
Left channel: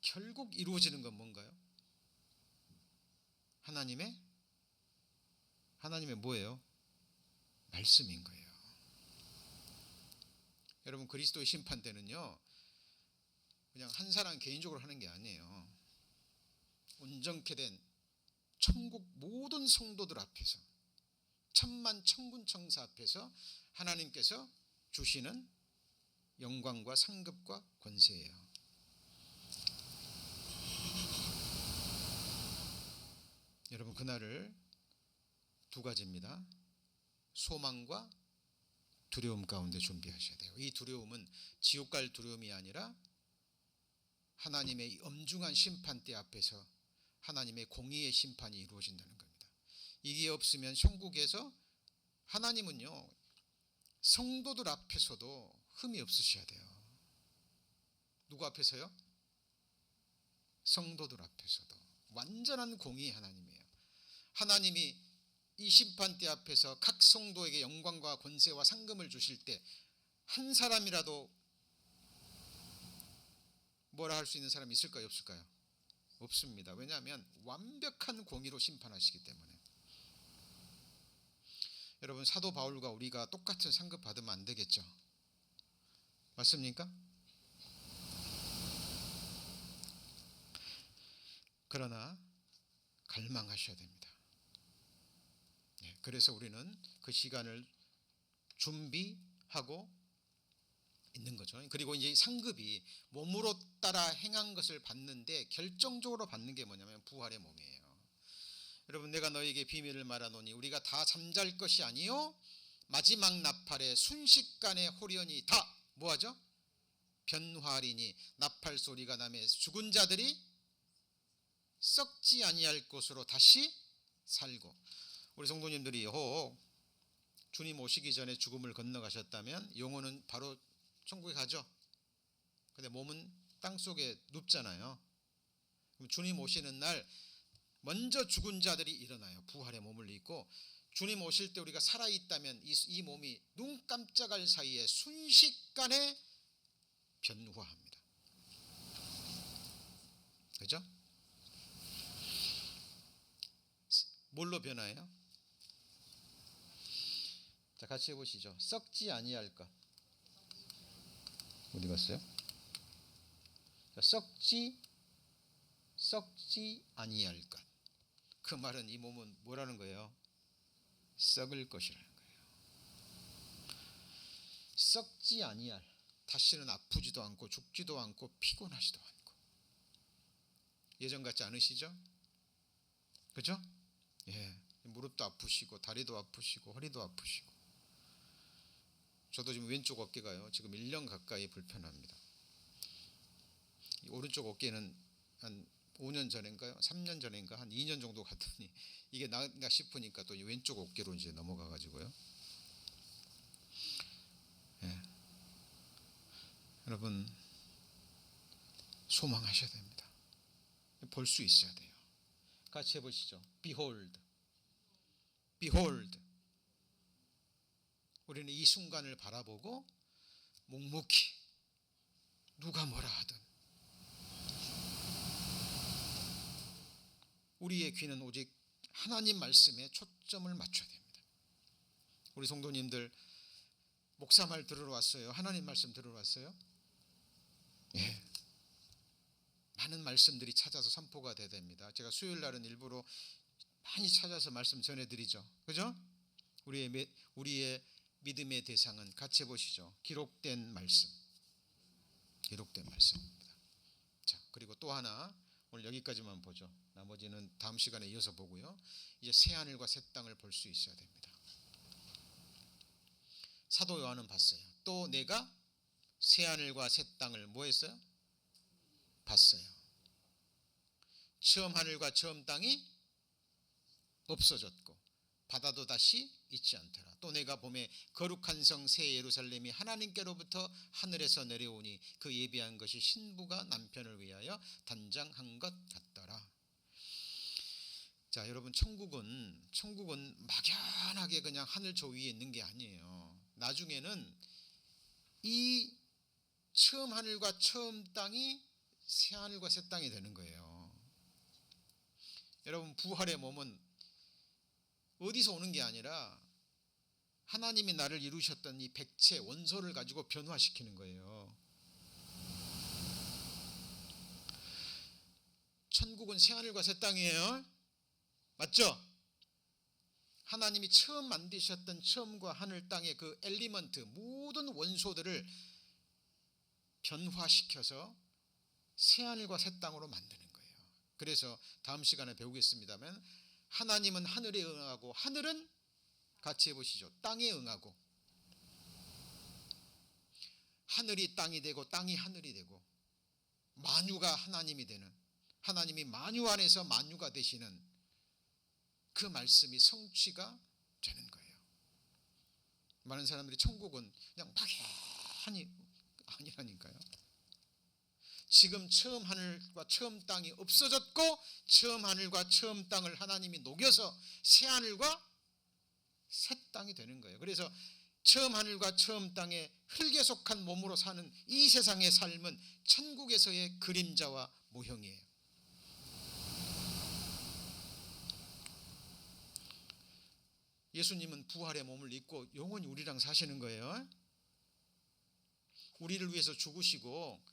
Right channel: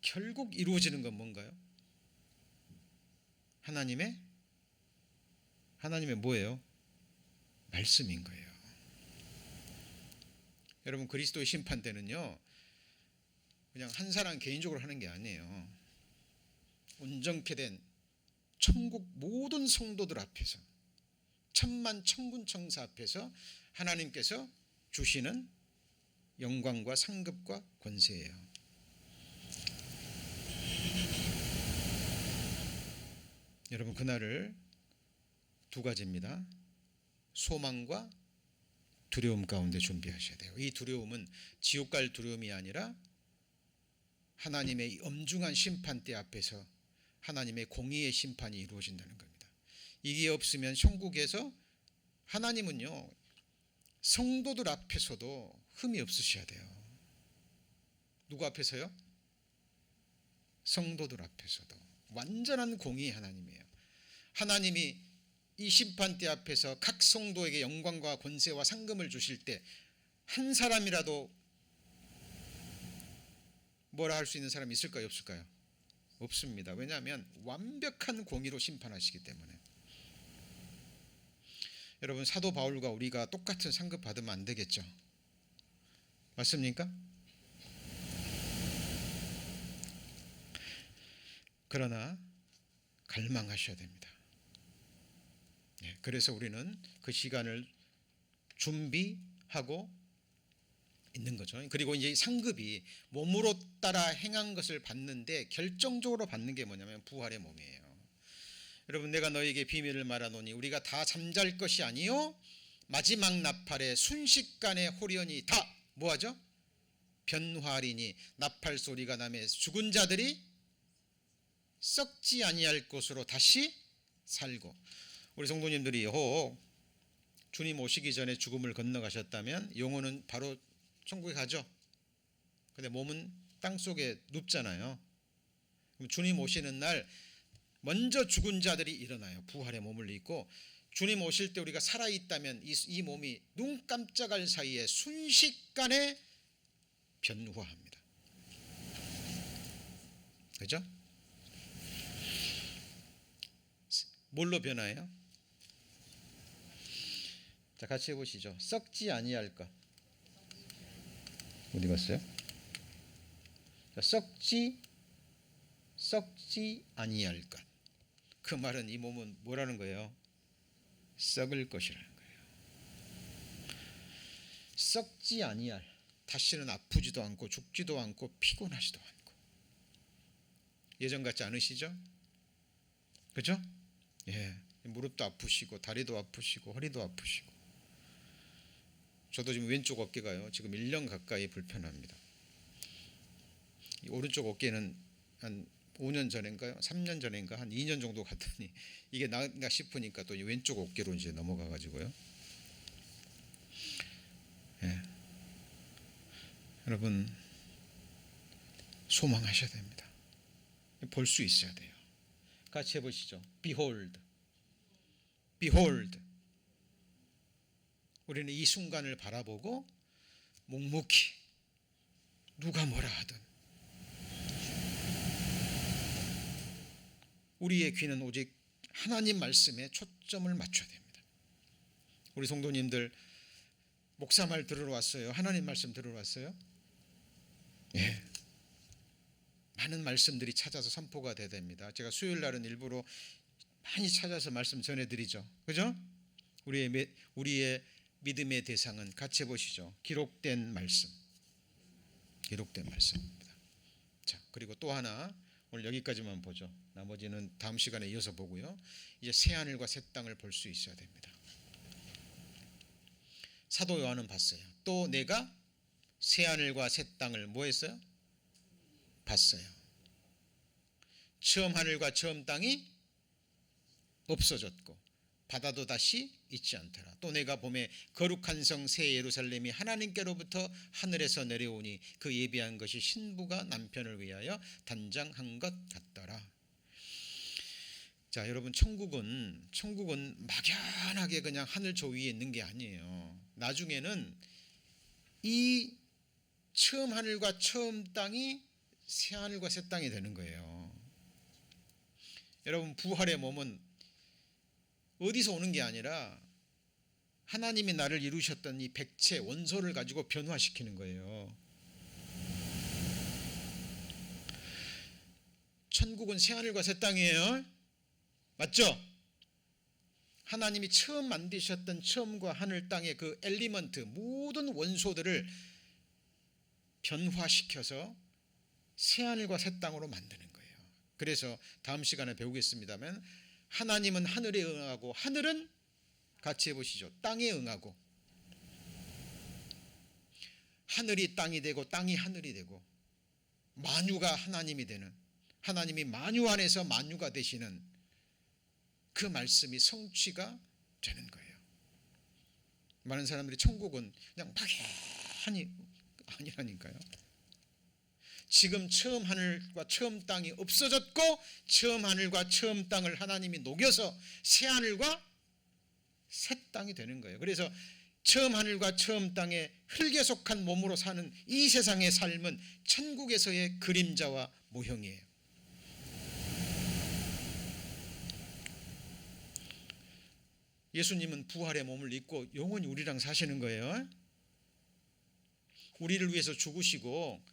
결국 이루어지는 건 뭔가요? 하나님의 뭐예요? 말씀인 거예요. 여러분 그리스도의 심판대는요 그냥 한 사람 개인적으로 하는 게 아니에요. 온전케 된 천국 모든 성도들 앞에서, 천만 천군 천사 앞에서 하나님께서 주시는 영광과 상급과 권세예요. 여러분 그날을 두 가지입니다. 소망과 두려움 가운데 준비하셔야 돼요. 이 두려움은 지옥 갈 두려움이 아니라 하나님의 엄중한 심판대 앞에서 하나님의 공의의 심판이 이루어진다는 겁니다. 이게 없으면 천국에서 하나님은요 성도들 앞에서도 흠이 없으셔야 돼요. 누구 앞에서요? 성도들 앞에서도 완전한 공의의 하나님이에요. 하나님이 이 심판대 앞에서 각 성도에게 영광과 권세와 상금을 주실 때 한 사람이라도 뭐라 할 수 있는 사람이 있을까요? 없을까요? 없습니다. 왜냐하면 완벽한 공의로 심판하시기 때문에. 여러분 사도 바울과 우리가 똑같은 상급 받으면 안 되겠죠? 맞습니까? 그러나 갈망하셔야 됩니다. 그래서 우리는 그 시간을 준비하고 있는 거죠. 그리고 이제 상급이 몸으로 따라 행한 것을 받는데 결정적으로 받는 게 뭐냐면 부활의 몸이에요. 여러분 내가 너에게 비밀을 말하노니 우리가 다 잠잘 것이 아니요 마지막 나팔에 순식간에 호련히 다 뭐하죠? 변화하리니 나팔 소리가 나매 죽은 자들이 썩지 아니할 것으로 다시 살고. 우리 성도님들이 혹 주님 오시기 전에 죽음을 건너가셨다면 영혼은 바로 천국에 가죠. 근데 몸은 땅속에 눕잖아요. 그럼 주님 오시는 날 먼저 죽은 자들이 일어나요. 부활의 몸을 입고 주님 오실 때 우리가 살아있다면 이 몸이 눈 깜짝할 사이에 순식간에 변화합니다. 그죠? 뭘로 변화해요? 자, 같이 해보시죠. 썩지 아니할 것. 어디 갔어요? 자, 썩지 아니할 것. 그 말은 이 몸은 뭐라는 거예요? 썩을 것이라는 거예요. 썩지 아니할, 다시는 아프지도 않고 죽지도 않고 피곤하지도 않고. 예전 같지 않으시죠? 그죠? 예, 무릎도 아프시고 다리도 아프시고 허리도 아프시고. 저도 지금 왼쪽 어깨가요, 지금 1년 가까이 불편합니다. 이 오른쪽 어깨는 한 5년 전인가요? 3년 전인가 한 2년 정도 갔더니 이게 나은가 싶으니까 또 왼쪽 어깨로 이제 넘어가 가지고요. 예. 여러분 소망하셔야 됩니다. 볼 수 있어야 돼요. 같이 해보시죠. Behold, behold. 우리는 이 순간을 바라보고 묵묵히 누가 뭐라 하든 우리의 귀는 오직 하나님 말씀에 초점을 맞춰야 됩니다. 우리 성도님들 목사 말 들으러 왔어요? 하나님 말씀 들으러 왔어요? 예. 많은 말씀들이 찾아서 선포가 돼야 됩니다. 제가 수요일 날은 일부러 많이 찾아서 말씀 전해드리죠. 그죠? 우리의 믿음의 대상은 같이 해보시죠. 기록된 말씀. 기록된 말씀입니다. 자, 그리고 또 하나, 오늘 여기까지만 보죠. 나머지는 다음 시간에 이어서 보고요. 이제 새 하늘과 새 땅을 볼 수 있어야 됩니다. 사도 요한은 봤어요. 또 내가 새 하늘과 새 땅을 뭐 했어요? 봤어요. 처음 하늘과 처음 땅이 없어졌고 바다도 다시 있지 않더라. 또 내가 봄에 거룩한 성 새 예루살렘이 하나님께로부터 하늘에서 내려오니 그 예비한 것이 신부가 남편을 위하여 단장한 것 같더라. 자, 여러분 천국은 막연하게 그냥 하늘 저 위에 있는 게 아니에요. 나중에는 이 처음 하늘과 처음 땅이 새 하늘과 새 땅이 되는 거예요. 여러분 부활의 몸은 어디서 오는 게 아니라 하나님이 나를 이루셨던 이 백체 원소를 가지고 변화시키는 거예요. 천국은 새하늘과 새 땅이에요. 맞죠? 하나님이 처음 만드셨던 처음과 하늘 땅의 그 엘리먼트 모든 원소들을 변화시켜서 새하늘과 새 땅으로 만드는 거예요. 그래서 다음 시간에 배우겠습니다만 하나님은 하늘에 응하고 하늘은 같이 해보시죠. 땅에 응하고 하늘이 땅이 되고 땅이 하늘이 되고 만유가 하나님이 되는, 하나님이 만유 안에서 만유가 되시는 그 말씀이 성취가 되는 거예요. 많은 사람들이 천국은 그냥 막연히 아니라니까요. 지금 처음 하늘과 처음 땅이 없어졌고 처음 하늘과 처음 땅을 하나님이 녹여서 새 하늘과 새 땅이 되는 거예요. 그래서 처음 하늘과 처음 땅에 흙에 속한 몸으로 사는 이 세상의 삶은 천국에서의 그림자와 모형이에요. 예수님은 부활의 몸을 입고 영원히 우리랑 사시는 거예요. 우리를 위해서 죽으시고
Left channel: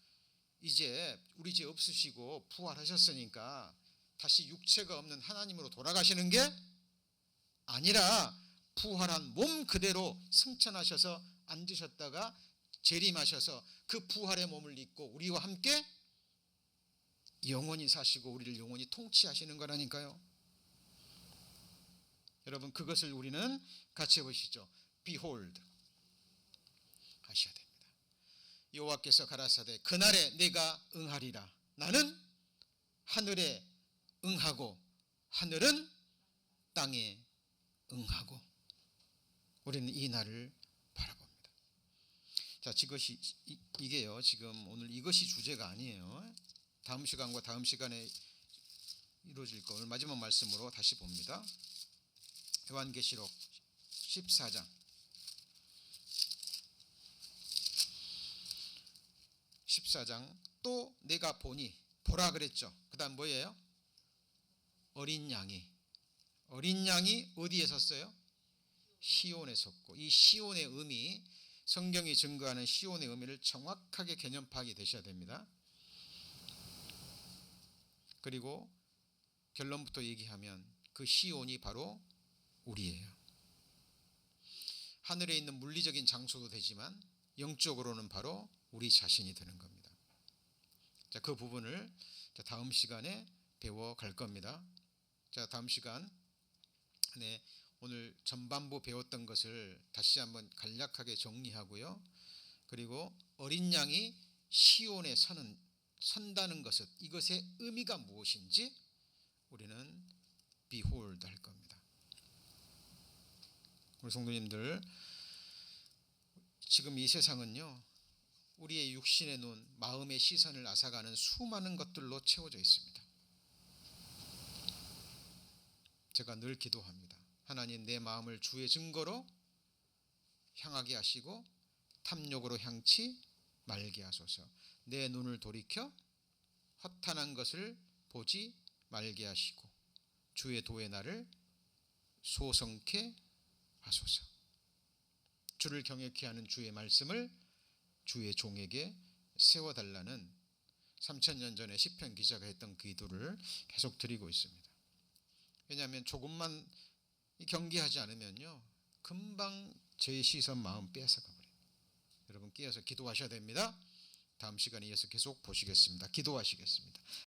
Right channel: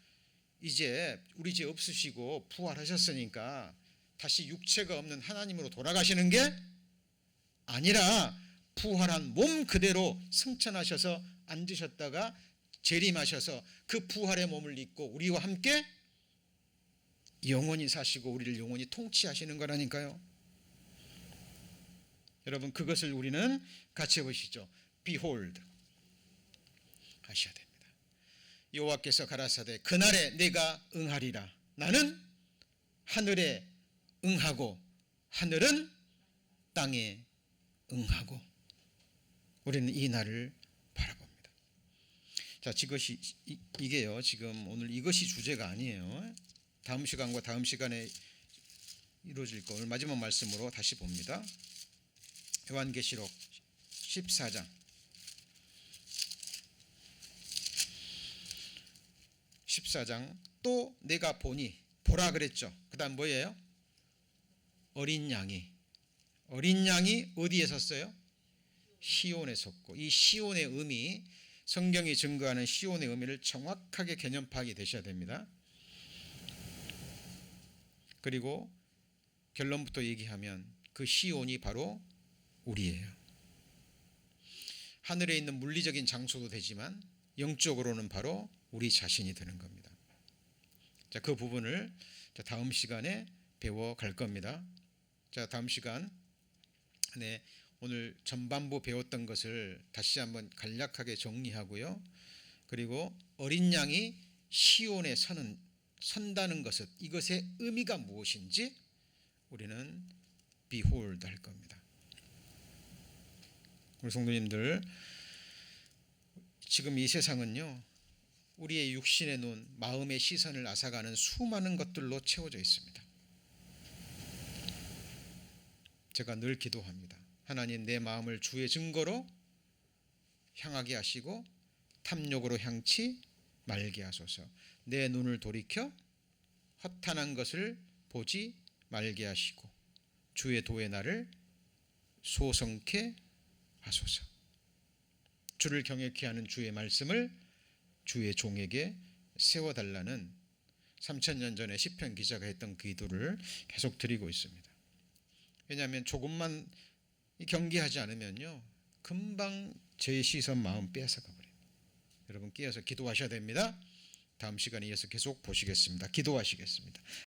이제 우리 죄 없으시고 부활하셨으니까 다시 육체가 없는 하나님으로 돌아가시는 게 아니라 부활한 몸 그대로 승천하셔서 앉으셨다가 재림하셔서 그 부활의 몸을 입고 우리와 함께 영원히 사시고 우리를 영원히 통치하시는 거라니까요. 여러분 그것을 우리는 같이 해보시죠. Behold 하셔야 됩니다. 여호와께서 가라사대 그날에 내가 응하리라. 나는 하늘에 응하고 하늘은 땅에 응하고. 우리는 이 날을 바라봅니다. 자, 이게요. 지금 오늘 이것이 주제가 아니에요. 다음 시간과 다음 시간에 이루어질 거. 오늘 마지막 말씀으로 다시 봅니다. 요한계시록 14장 14장 또 내가 보니 보라 그랬죠. 그 다음 뭐예요? 어린 양이 어린 양이 어디에 섰어요? 시온에 섰고, 이 시온의 의미, 성경이 증거하는 시온의 의미를 정확하게 개념 파악이 되셔야 됩니다. 그리고 결론부터 얘기하면 그 시온이 바로 우리예요. 하늘에 있는 물리적인 장소도 되지만 영적으로는 바로 우리 자신이 되는 겁니다. 자, 그 부분을 다음 시간에 배워갈 겁니다. 자, 다음 시간에 오늘 전반부 배웠던 것을 다시 한번 간략하게 정리하고요. 그리고 어린 양이 시온에 선다는 것은, 이것의 의미가 무엇인지 우리는 behold 할 겁니다. 우리 성도님들, 지금 이 세상은요, 우리의 육신의 눈, 마음의 시선을 앗아가는 수많은 것들로 채워져 있습니다. 제가 늘 기도합니다. 하나님, 내 마음을 주의 증거로 향하게 하시고 탐욕으로 향치 말게 하소서. 내 눈을 돌이켜 허탄한 것을 보지 말게 하시고 주의 도의 날을 소성케 하소서. 주를 경외케 하는 주의 말씀을 주의 종에게 세워달라는 3000년 전에 시편 기자가 했던 그 기도를 계속 드리고 있습니다. 왜냐하면 조금만 경계하지 않으면요, 금방 제 시선 마음 빼앗아가 버려요. 여러분, 끼어서 기도하셔야 됩니다. 다음 시간에 이어서 계속 보시겠습니다. 기도하시겠습니다.